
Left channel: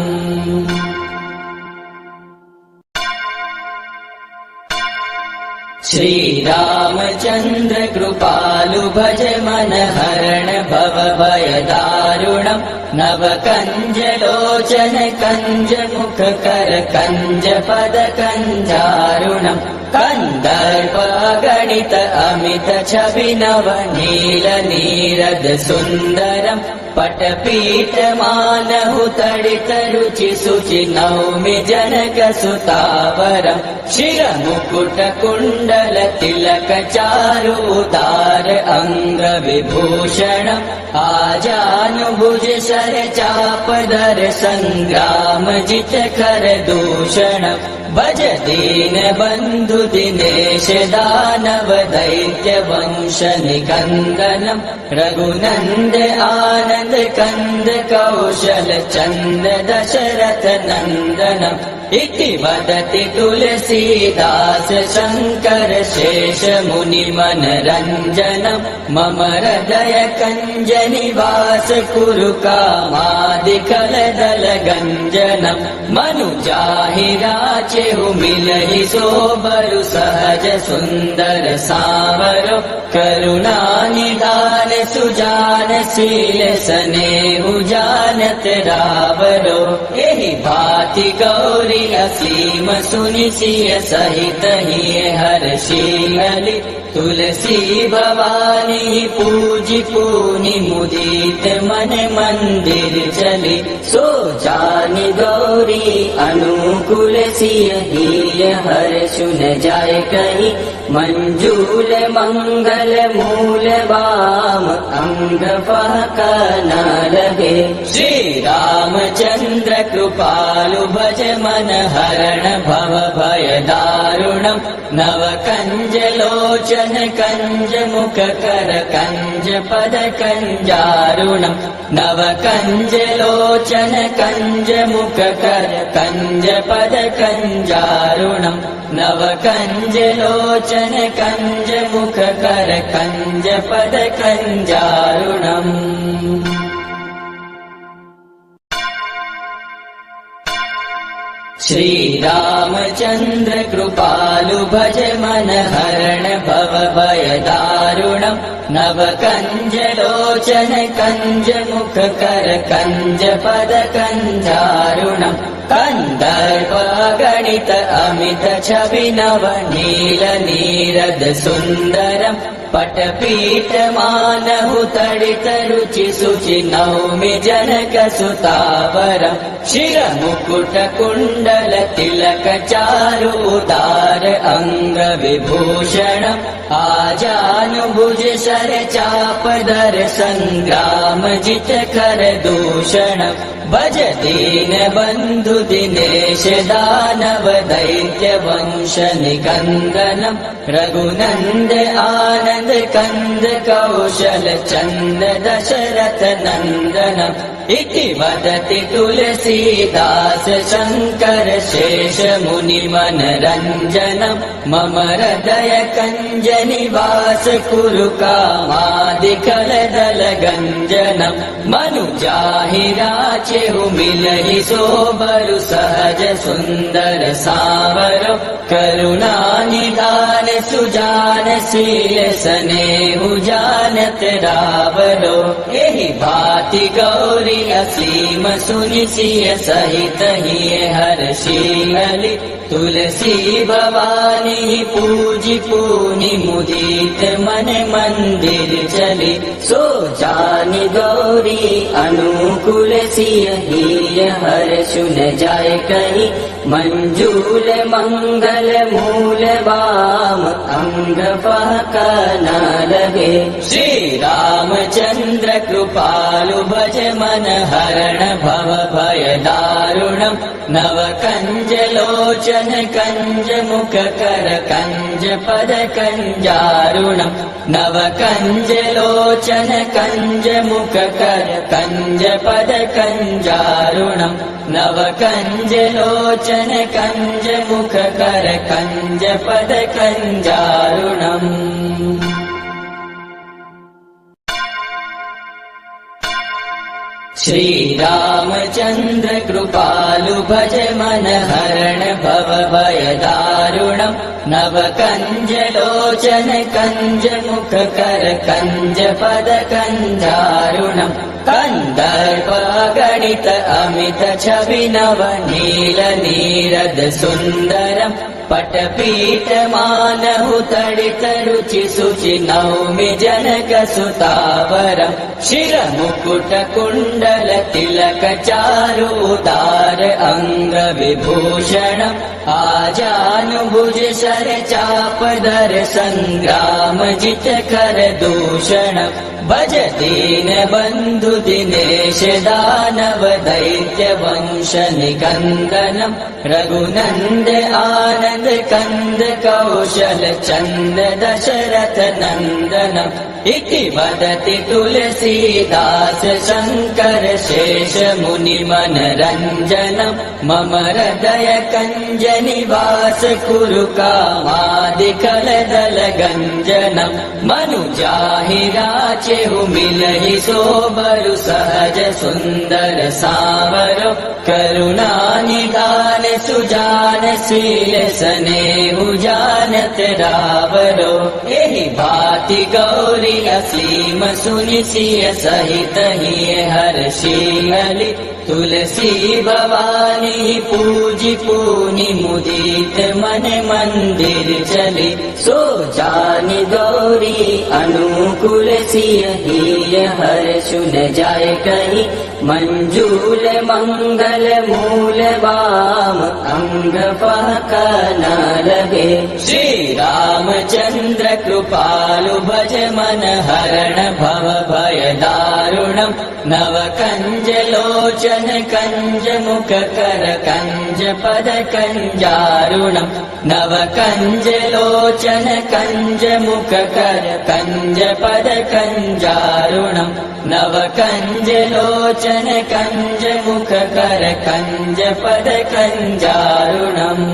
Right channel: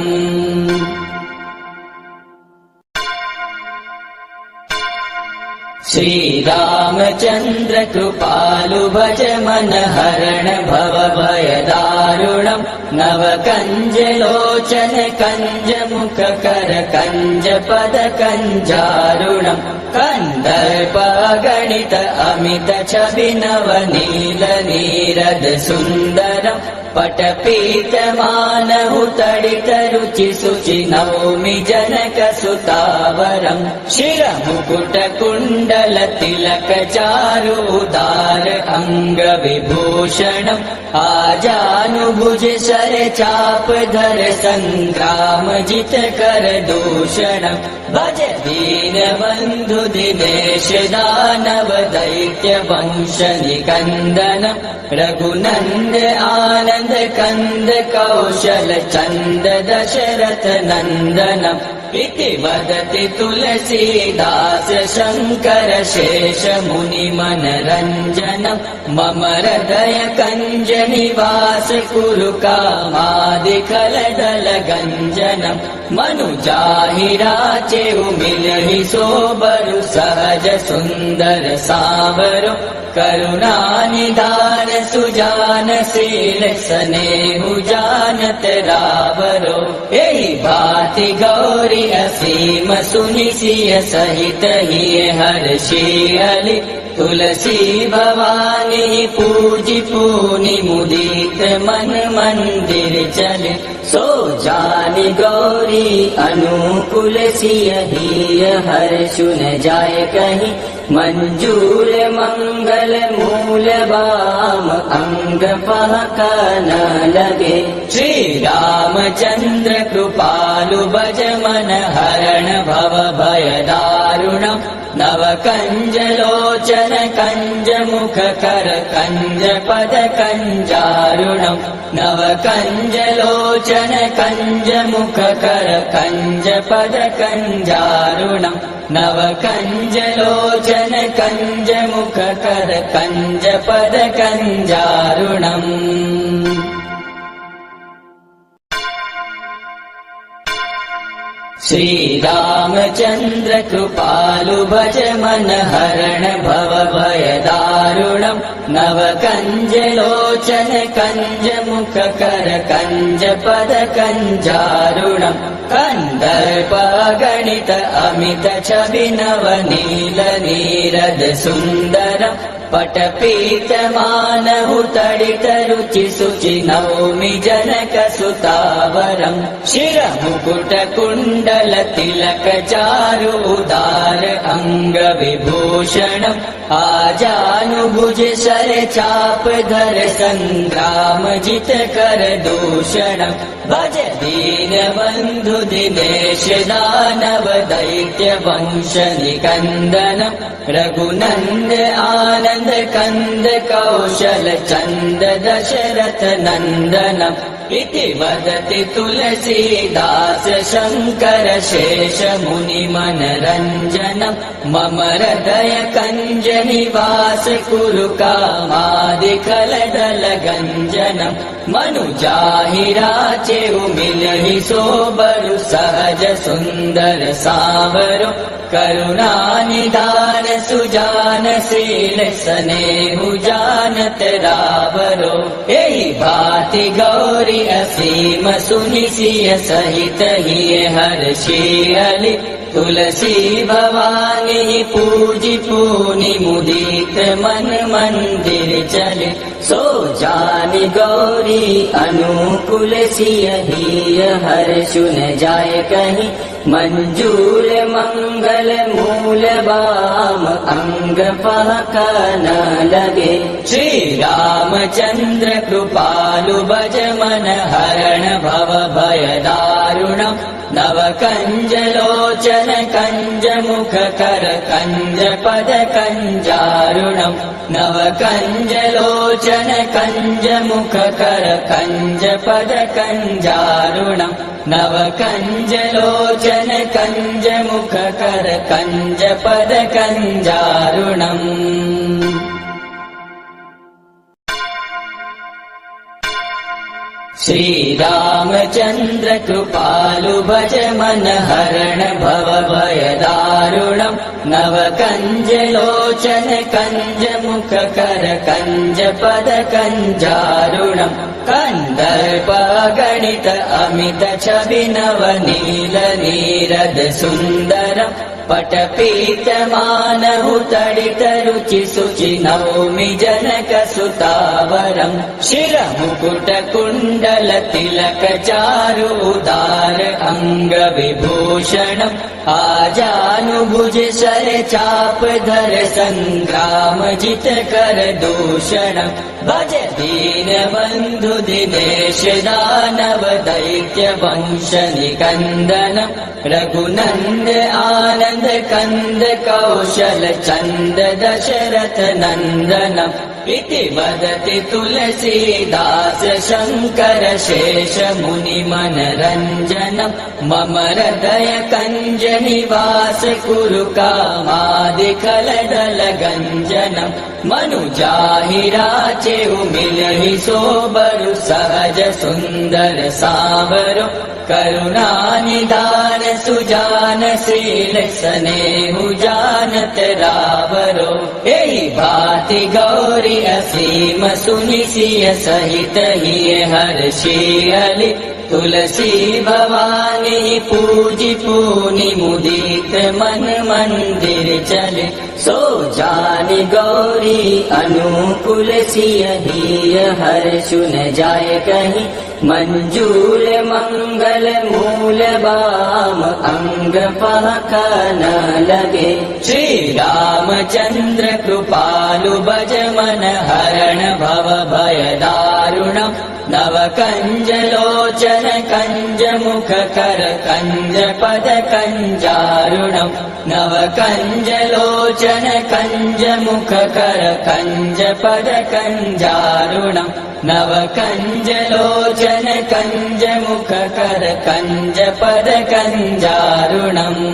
श्री रामचंद्र कृपालु भज मन हरण भव भय दारुणम् नव कंज लोचन कंज मुख कर कंज पद कंजारुणम् कन्दर्प गणित अमित छवि नव नील नीरद सुन्दरम् पटपीठ मानहु तडित रुचि शुचि नौमि जनक सुतावरम् शिरमुकुट कुण्डल तिलक चारुदार अङ्ग विभूषणम् आजानुभुज शर चाप दर सङ्ग्राम जित कर दूषणम् भज दीन बन्धु दिनेश दानव दैत्य वंश निकन्दनम् रघुनन्द आनन्द कंद कौशल चन्द दशरथ नन्दनम् इति वदति तुलसीदास शङ्कर शेष मुनि मनरञ्जनम् मम हृदय कञ्ज निवास कुरु कामादिकलदल गञ्जनम् मनुजाहि राचेहु मिलहि सोबरु सहज सुन्दर सावरो करुणा निधान सुजान शील स्नेहु जानत रावरो एहि भाति गौरी असीम सुनि सिय सहित हिय हर्षियलि तुलसी भवानी पूजि पूनि मुदित मन मंदिर चले सो जानि गौरी अनुकूल सिय हिय हर्षु न जाय कहि मंजूल मंगल मूल वाम अंग पाका न लगे श्री रामचंद्र कृपालु भज मन हरण भव भय दारुणम् नव कंज लोचन कंज मुख कर कंज पद कंजारुणम् नव कंज लोचन कंज मुख कर कंज पद कंजारुणम् नव कंज लोचन कंज मुख कर कंज पद कंजारुणम् श्री रामचंद्र कृपालु भज मन हरण भव भय दारुणम् नव कंज लोचन कंज मुख कर कंज पद कंजारुणम् कन्दर्प गणित अमित छवि नव नील नीरद सुन्दरम् पटपीठमानहुतडितरुचिशुचि नौमि जनकसुतावरम् शिरमुकुटकुण्डलतिलकचारु उदार अङ्गविभूषणम् आजानुभुज शरचापदर सङ्ग्रामजितकरदूषणम् भज दीनबन्धु दिनेश दानव दैत्य वंश निकन्दनम् रघुनन्द आनन्द कन्द कौशल चन्द दशरथ नन्दनम् इति वदति तुलसीदास शङ्कर शेष मुनिमनरञ्जनम् मम हृदय कञ्ज निवास कुरु कामादिकलदलगञ्जनम् मनुजाहि राचेहु मिलहि सोबरु सहज सुन्दर सावरो करुणानिधान सुजान शील स्नेहु जानत रावरो एहि भाति गौरी असीम सुनिसिय सहित ही हर्षि तुलसी भवानी पूजि पूनि मुदित मन मंदिर चले सो जानि गौरी अनुकूल सिय हर्षु न जाय कही मंजूल मंगल मूल वाम अंग पाका न लगे श्री रामचंद्र कृपालु भज मन हरण भव भय दारुणम् नव कंज लोचन कंज मुख कर कंज पद कंजारुणम् नव कंज लोचन कंज मुख कर कंज पद कंजारुणम् नव कंज लोचन कंज मुख कर कंज पद कंजारुणम् श्री रामचंद्र कृपालु भज मन हरण भव भय दारुणम् नव कंज लोचन कंज मुख कर कंज पद कंजारुणम् कंदर्प गणित अमित छवि नव नील नीरद सुन्दरम् पटपीठमानहुतडित रुचि शुचि नौमि जनकसुतावरम् शिरमुकुटकुण्डल तिलक चारु उदार अङ्गविभूषणम् आजानुभुज शरचापदर सङ्ग्रामजित करदूषणम् भज दीनबन्धु दिनेश दानव दैत्य वंश निकन्दनम् रघुनन्द आनन्द कन्द कौशल चन्द दशरथ नन्दनम् इति वदति तुलसीदास शङ्कर शेष मुनिमनरञ्जनम् मम हृदय कञ्ज निवास कुरु कामादिकलदलगञ्जनम् मनुजाहि राचेहु मिलहि सोबरु सहज सुन्दर सावरो करुणानिधान सुजान शील स्नेहु जानत रावरो एहि भाति गौरी असीम सुनिसिय सहित ही हर्षि तुलसी भवानी पूजि पूनि मुदित मन मंदिर चले सो जानि गौरी अनुकूल सिय हर्षु न जाय कही मंजूल मंगल मूल वाम अंग पाका न लगे श्री रामचंद्र कृपालु भज मन हरण भव भय दारुणम् नव कंज लोचन कंज मुख कर कंज पद कंजारुणम् नव कंज लोचन कंज मुख कर कंज पद कंजारुणम् नव कंज लोचन कंज मुख कर कंज पद कंजारुणम्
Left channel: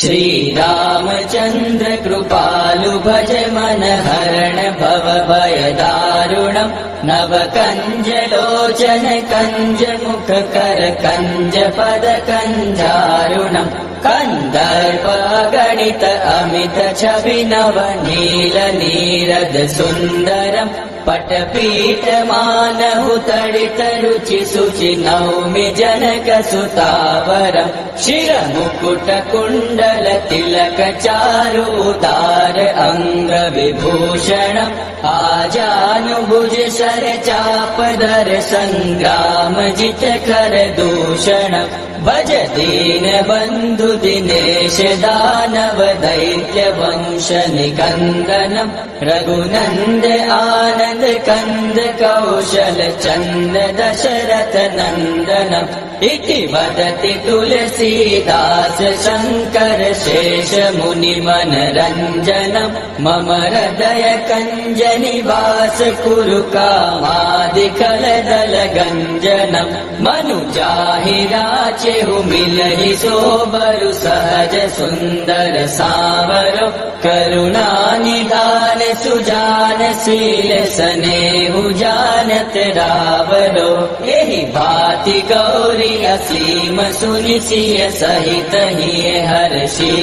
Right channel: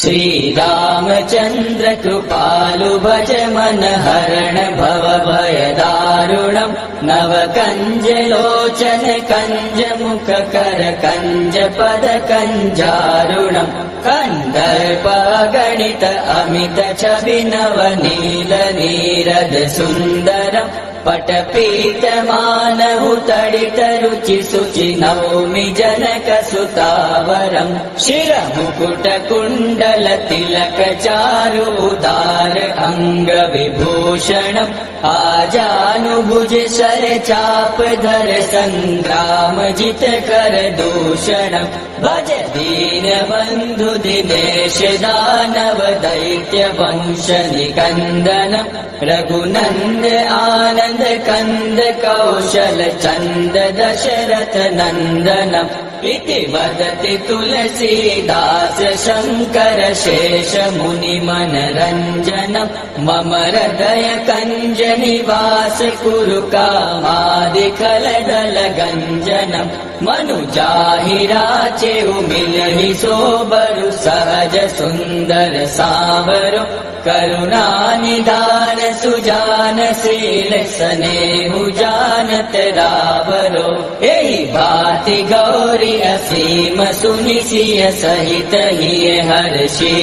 श्री रामचंद्र कृपालु भज मन हरण भव भय दारुणम् नव कंज लोचन कंज मुख कर कंज पद कंजारुणम् कंदर्प गणित अमित छवि नव नील नीरद सुन्दरम् पटपीठमान मानहुतडित रुचि शुचि नौमि जनकसुतावरम् शिरमुकुटकुण्डल तिलक चारुदार अङ्गविभूषणम् आजानुभुज शर चापदर सङ्ग्राम जित कर दूषणम् भज दीन बन्धु दिनेश दानव दैत्य वंश निकन्दनम् रघुनन्द आनन्द कन्द कौशल चन्द दशरथ नन्दनम् इति वदति तुलसीदास शङ्कर शेष मुनि मनरञ्जनम् मम हृदय कञ्ज निवास कुरु कामादिकलदल गञ्जनम् मनुजाहि राचेहु मिलहि सोबरु सहज सुन्दर सावरो करुणानिधान सुजान शील स्नेहु जानत रावरो एहि भाति गौरी असीम सुनि सिय सहित हिय हर्षि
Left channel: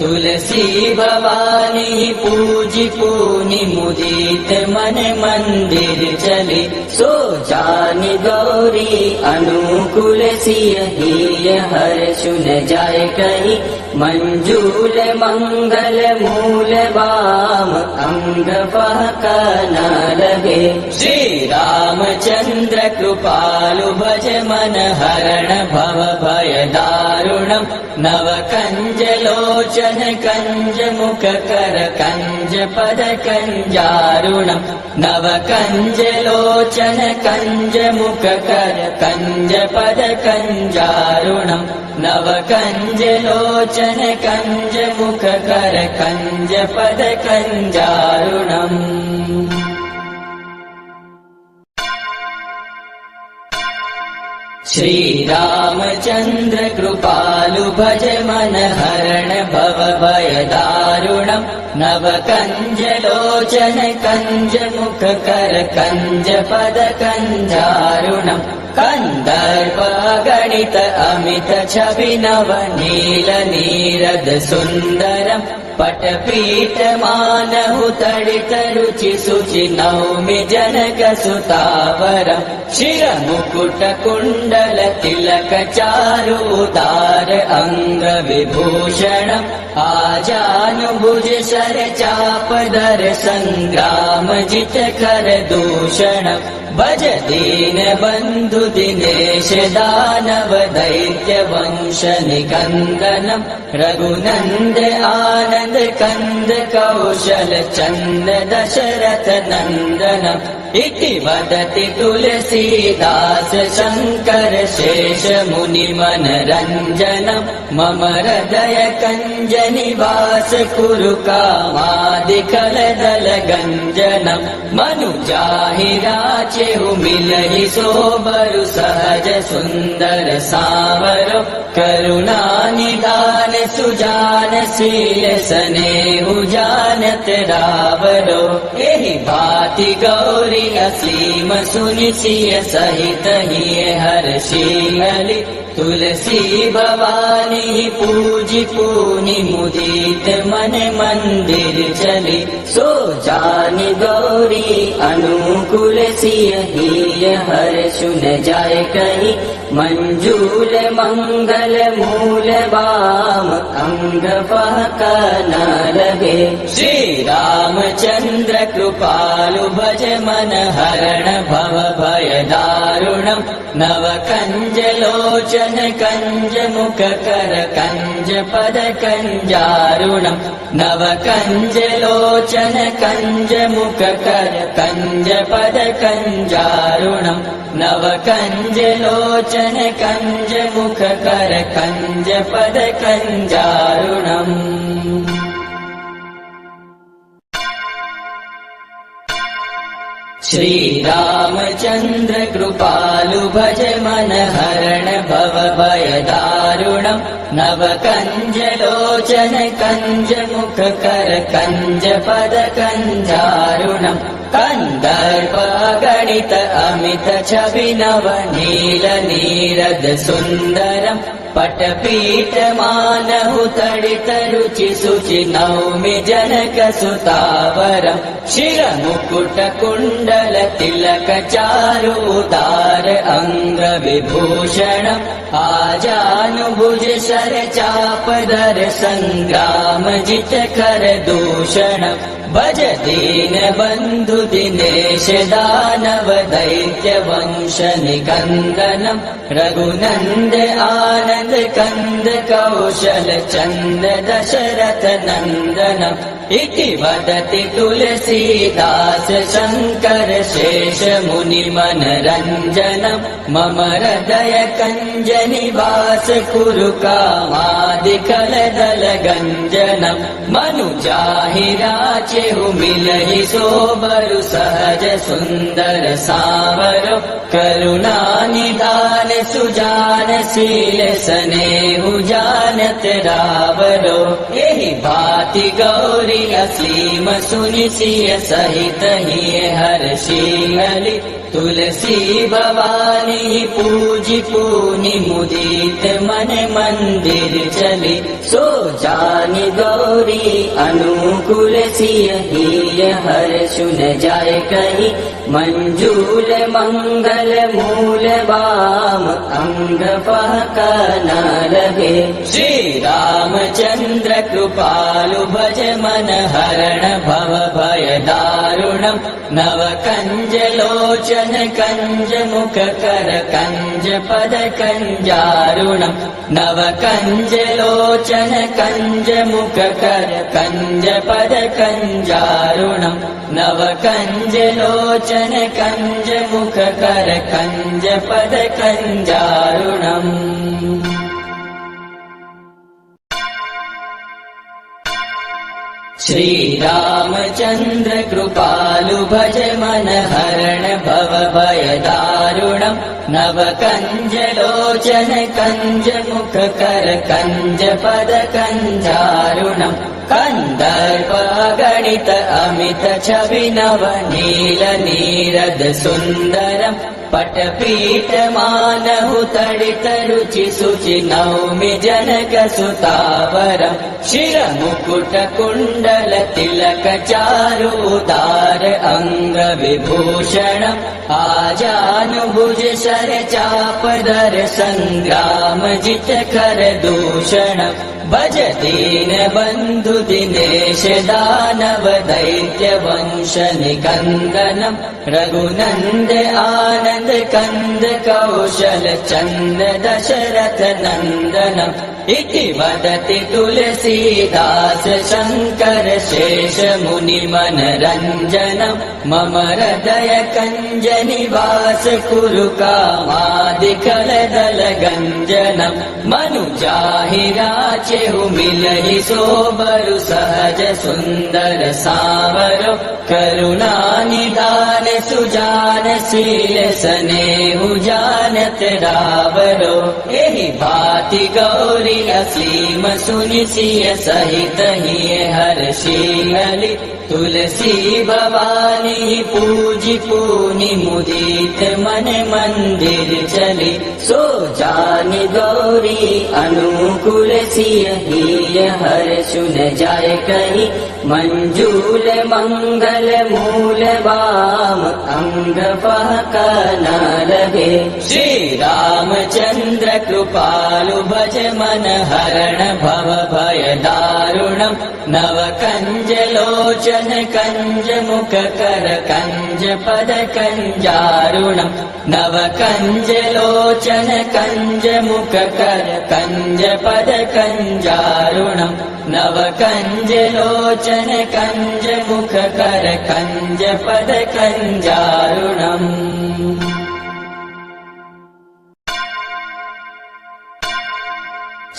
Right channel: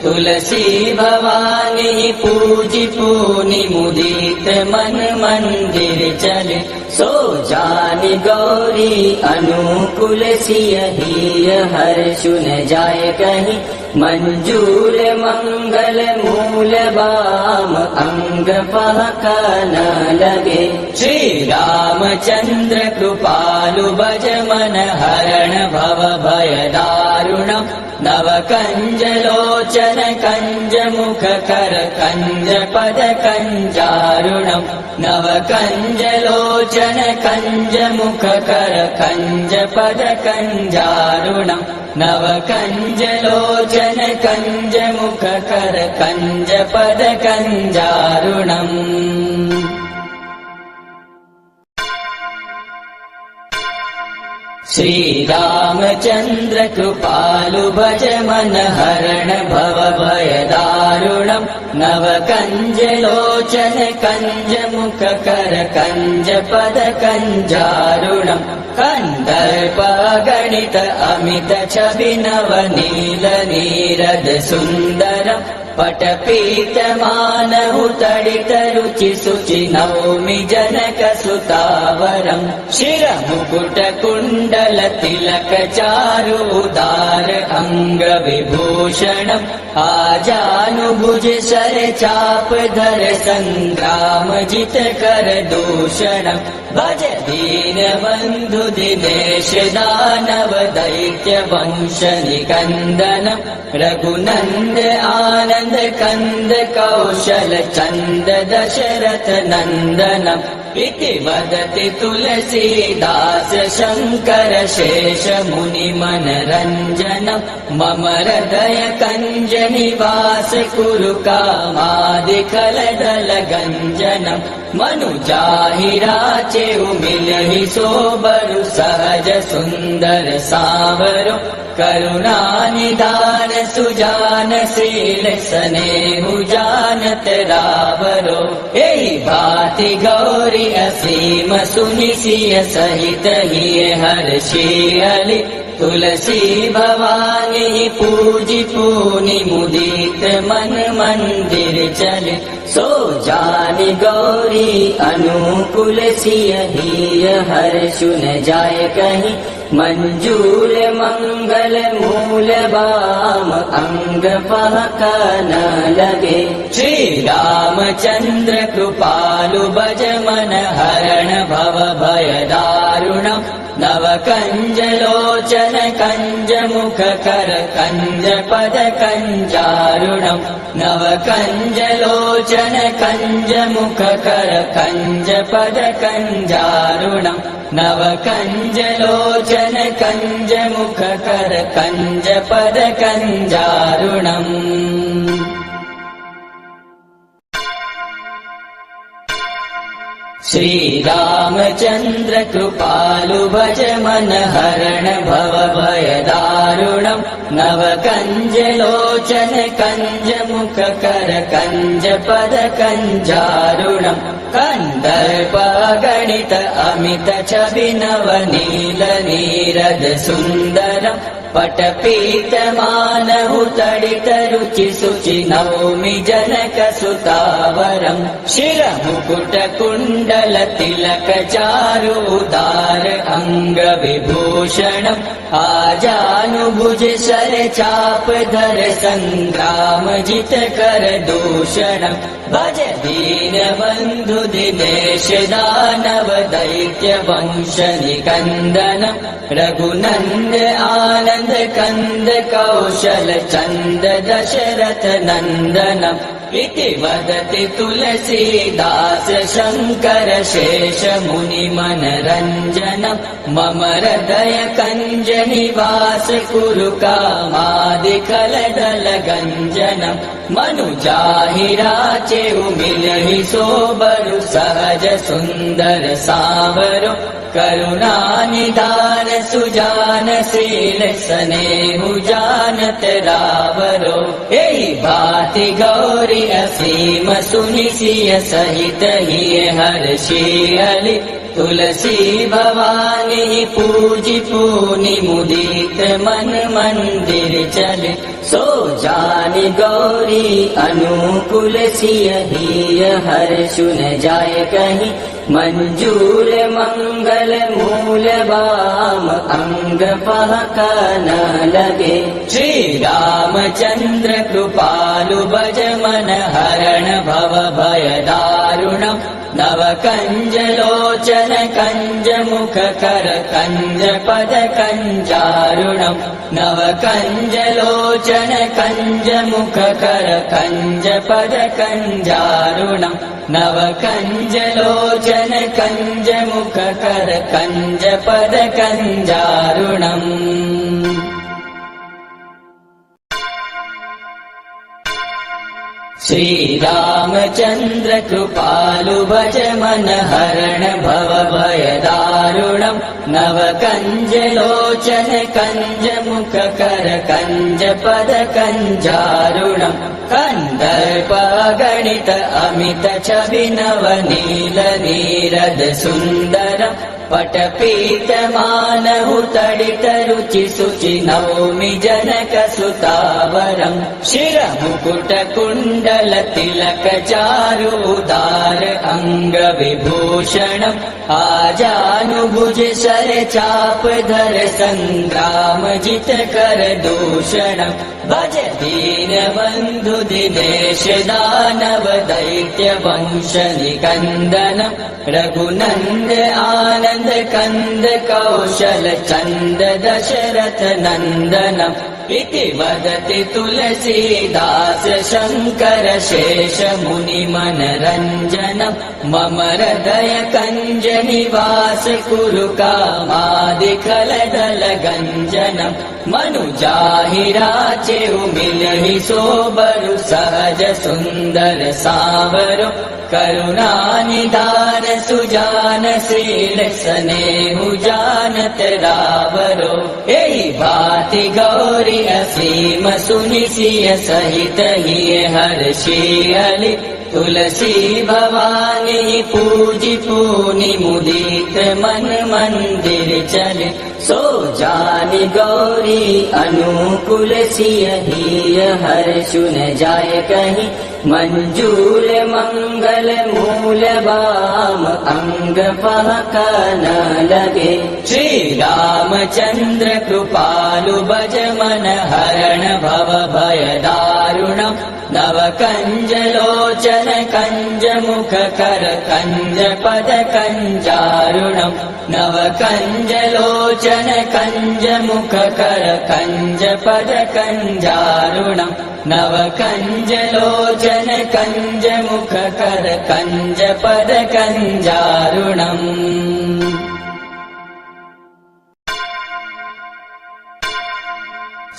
तुलसी भवानी पूजि पूनि मुदित मन मंदिर चले सो जानि गौरी अनुकूल सिय हिय हर्षु न जाय कहीं मंजूल मंगल मूल वाम अंग पहक न लगे श्री रामचंद्र कृपालु भज मन हरण भव भय दारुणम् नव कंज लोचन कंज मुख कर कंज पद कंजारुणम् नव कंज लोचन कंज मुख कर कंज पद कंजारुणम् नव कंज लोचन कंज मुख कर कंज पद कंजारुणम् श्री रामचंद्र कृपालु भज मन हरण भव भय दारुणम् नव कंज लोचन कंज मुख कर कंज पद कंजारुणम् कंदर्प गणित अमित छवि नव नील नीरद सुन्दरम् पटपीठ मानहु तडित रुचि शुचि नौमि जनकसुतावरम् शिरमुकुट कुण्डल तिलक चारुदार अङ्गविभूषणम् आजानुभुज शर चापदर सङ्ग्राम जित कर दूषणम् भज दीन बन्धु दिनेश दानव दैत्य वंश निकन्दनम् रघुनन्द आनन्द कन्द कौशल चन्द दशरथ नन्दनम् इति वदति तुलसीदास शङ्कर शेष मुनि मनरञ्जनम् मम हृदय कञ्ज निवास कुरु कामादिकलदल गञ्जनम् मनुजाहि राचेहु मिलहि सोबरु सहज सुन्दर सावरो करुणानिधान सुजान शील स्नेहु जानत रावरो एहि भाति गौरी असीम सुनि सिय सहित हिय हर्षि तुलसी भवानी पूजि पूनि मुदित मन मंदिर चले सो जानि गौरी अनुकूल सिय हिय हर्षु न जाय कहीं मंजूल मंगल मूल वाम अंग पहक न लगे श्री रामचंद्र कृपालु भज मन हरण भव भय दारुणम् नव कंज लोचन कंज मुख कर कंज पद कंजारुणम् नव कंज लोचन कंज मुख कर कंज पद कंजारुणम् नव कंज लोचन कंज मुख कर कंज पद कंजारुणम् श्री रामचंद्र कृपालु भज मन हरण भव भय दारुणम् नव कंज लोचन कंज मुख कर कंज पद कंजारुणम् कंदर्प गणित अमित छवि नव नील नीरद सुन्दरम् पटपीठमानहु तडितरुचि शुचि नौमि जनकसुतावरम् शिरमुकुटकुण्डल तिलक चारुदार अङ्गविभूषणम् आजानुभुज शर चापदर सङ्ग्राम जित कर दूषणम् भज दीन बन्धु दिनेश दानव दैत्य वंश निकन्दनम् रघुनन्द आनन्द कन्द कौशल चन्द दशरथ नन्दनम् इति वदति तुलसीदास शङ्कर शेष मुनि मनरञ्जनम् मम हृदय कञ्ज निवास कुरु कामादिकलदल गञ्जनम् मनुजाहि राचेहु मिलहि सोबरु सहज सुन्दर सावरो करुणा निधान सुजान शील स्नेहु जानत रावरो एहि भाति गौरी असीम सुनि सिय सहित हिय हर्षि तुलसी भवानी पूजि पूनि मुदित मन मंदिर चले सो जानि गौरी अनुकूल सिय हिय हर्षु न जाय कहि मंजूल मंगल मूल वाम अंग पहक न लगे श्री रामचंद्र कृपालु भज मन हरण भव भय दारुणम् नव कंज लोचन कंज मुख कर कंज पद कंजारुणम् नव कंज लोचन कंज मुख कर कंज पद कंजारुणम् नव कंज लोचन कंज मुख कर कंज पद कंजारुणम् श्री रामचंद्र कृपालु भज मन हरण भव भय दारुणम् नव कंज लोचन कंज मुख कर कंज पद कंजारुणम् कंदर्प गणित अमित छवि नव नील नीरद सुन्दरम् पटपीठमानहु तडितरुचि शुचि नौमि जनकसुतावरम् शिरमुकुटकुण्डल तिलक चारुदार अङ्गविभूषणम् आजानुभुज शर चापदर सङ्ग्राम जित कर दूषणम् भज दीन बन्धु दिनेश दानव दैत्य वंश निकन्दनम् रघुनन्द आनन्द कन्द कौशल चन्द दशरथ नन्दनम् इति वदति तुलसीदास शङ्कर शेष मुनि मनरञ्जनम् मम हृदय कञ्ज निवास कुरु कामादिकलदल गञ्जनम् मनुजाहि राचेहु मिलहि सोबरु सहज सुन्दर सावरो करुणा निधान सुजान शील स्नेहु जानत रावरो एहि भाति गौरी असीम सुनि सिय सहित हिय हर्षि तुलसी भवानी पूजि पूनि मुदित मन मंदिर चले सो जानि गौरी अनुकूल सिय हिय हर्षु न जाय कहि मंजूल मंगल मूल वाम अंग पहक न लगे श्री रामचंद्र कृपालु भज मन हरण भव भय दारुणम् नव कंज लोचन कंज मुख कर कंज पद कंजारुणम् नव कंज लोचन कंज मुख कर कंज पद कंजारुणम् नव कंज लोचन कंज मुख कर कंज पद कंजारुणम्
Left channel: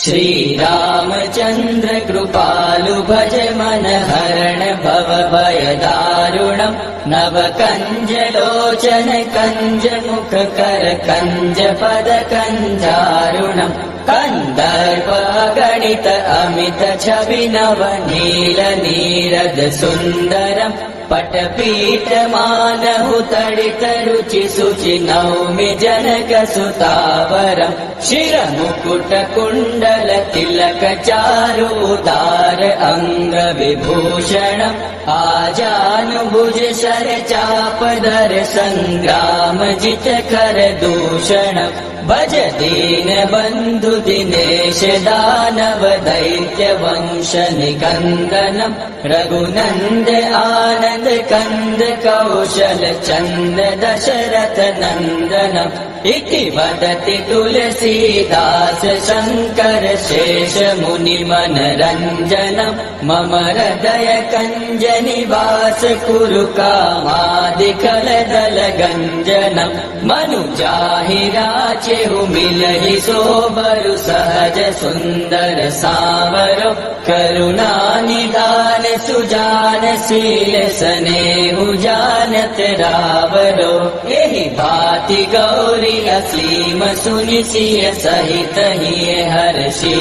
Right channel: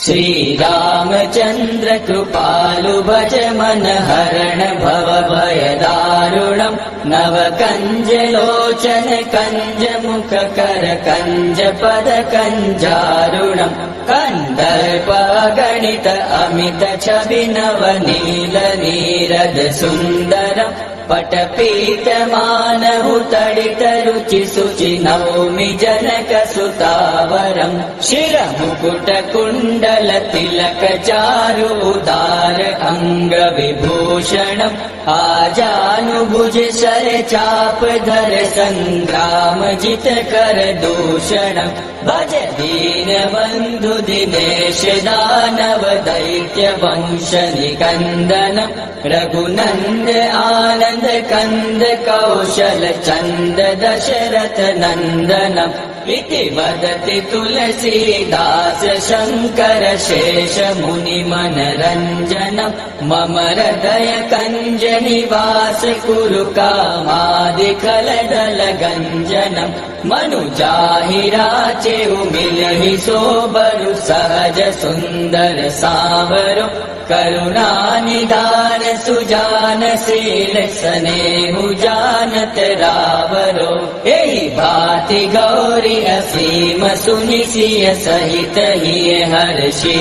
श्री रामचंद्र कृपालु भज मन हरण भव भय दारुणम् नव कंज लोचन कंज मुख कर कंज पद कंजारुणम् कंदर्प गणित अमित छवि नव नील नीरद सुन्दरम् पटपीठ मानहु तडित रुचि शुचि नौमि जनक सुतावरम् शिरमुकुट कुण्डल तिलक चारु उदार अंग विभूषणम् आजानुभुज शर चाप दर संग्राम जित कर दूषणम् भज दीन बंधु दिनेश दानव दैत्य वंश निकंदनम् रघुनंद आनंद कंद कौशल चंद दशरथ नंदनम् इति वदति तुलसीदास शंकर शेष मुनि मनरंजनम् मम हृदय कंज निवास कुरु कामादिकल दल गंजनम् मनु जाहि राचेहु मिलहि सोबरु सहज सुंदर सावरो करुणा निधान सुजान शील स्नेहु जानत रावरो एहि भांति गौरी असीम सुनि सिय सहित हिय हर्षि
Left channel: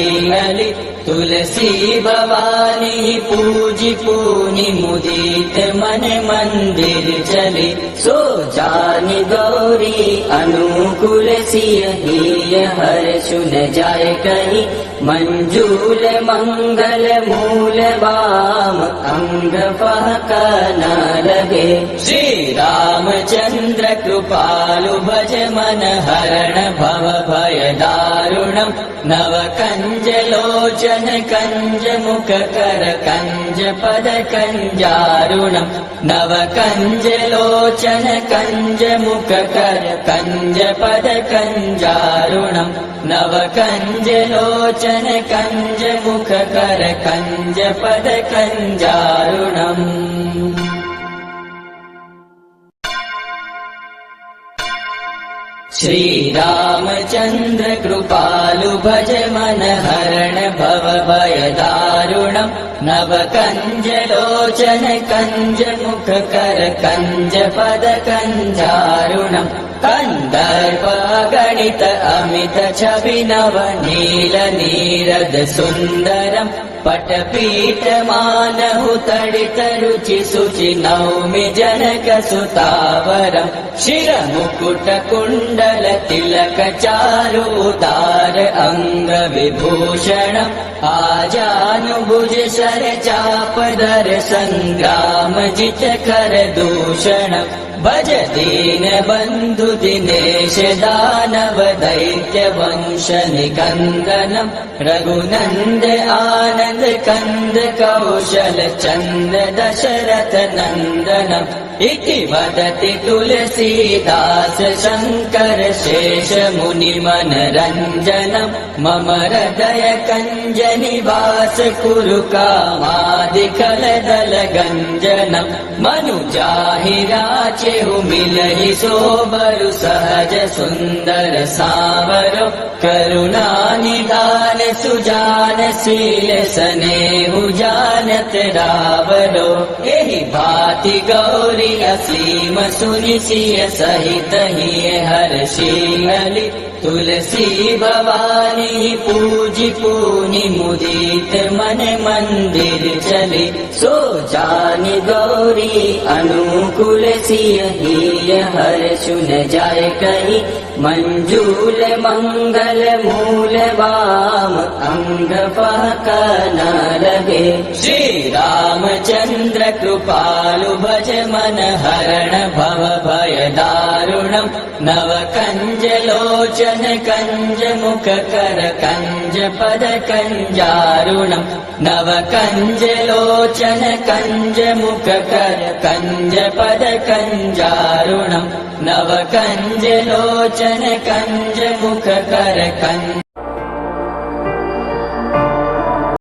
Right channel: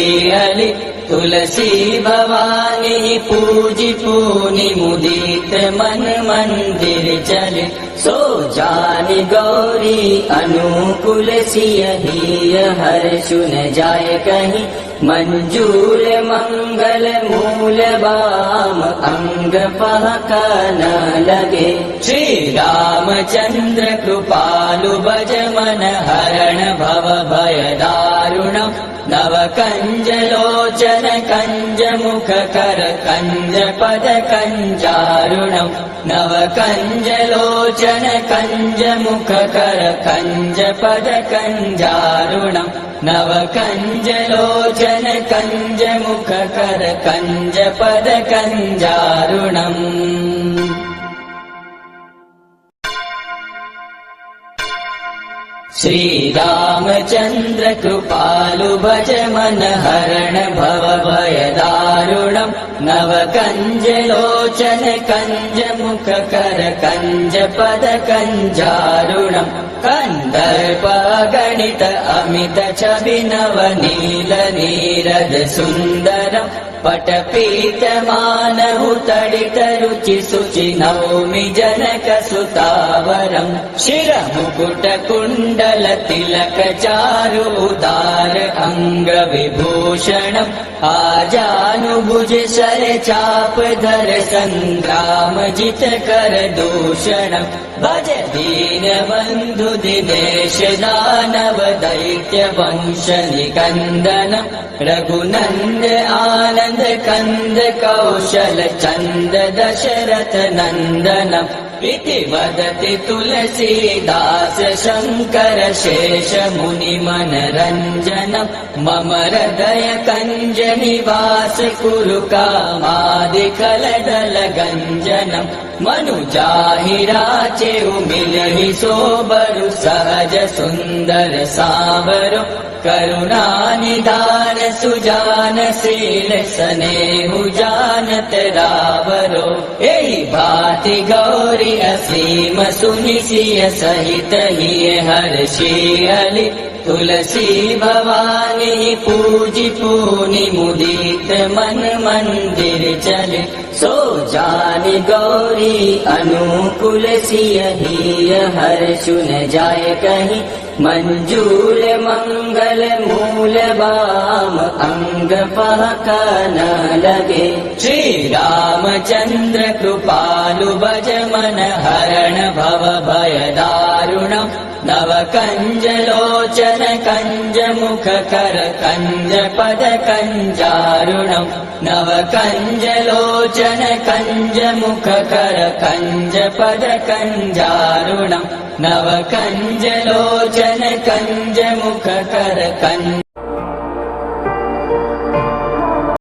तुलसी भवानी पूजि पूनि मुदित मन मंदिर चले सो जानि गौरी अनुकूल सिय हिय हर्षु न जाय कहि मंजूर मंगल मूल वाम अंग पहक न लगे श्री रामचंद्र कृपालु भज मन हरण भव भय दारुणम् नव कंज लोचन कंज मुख कर कंज पद कंजारुणम् नव कंज लोचन कंज मुख कर कंज पद कंजारुणम् नव कंज लोचन कंज मुख कर कंज पद कंजारुणम् श्री रामचंद्र कृपालु भज मन हरण भव भय दारुणम् नव कंज लोचन कंज मुख कर कंज पद कंजारुणम् कंदर्प गणित अमित छवि नव नील नीरद सुंदरम् पटपीठ मानहु तडित रुचि शुचि नौमि जनक सुतावरम् शिरमुकुट कुण्डल तिलक चारु उदार अंग विभूषणम् आजानुभुज शर चाप दर संग्राम जित कर दूषणम् भज दीन बंधु दिनेश दानव दैत्य वंश निकंदनम् रघुनंद आनंद कंद कौशल चंद दशरथ नंदनम् इति वदति तुलसीदास शंकर शेष मुनि मनरंजनम् मम हृदय कंज निवास कुरु कामादिकल दल गंजनम् मनु जाहि राचेहु मिलहि सोबरु सहज सुंदर सावरो करुणा निधान सुजान शील स्नेहु जानत रावरो एहि भांति गौरी असीम सुनि सिय सहित हिय हर्षि तुलसी भवानी पूजि पूनि मुदित मन मंदिर चले सो जानि गौरी अनुकूल सिय हिय हर्षु न जाय कहि मंजूर मंगल मूल वाम अंग पहक न लगे श्री रामचंद्र कृपालु भज मन हरण भव भय दारुणम् नव कंज लोचन कंज मुख कर कंज पद कंजारुणम् नव कंज लोचन कंज मुख कर कंज पद कंजारुणम् नव कंज लोचन कंज मुख कर कंज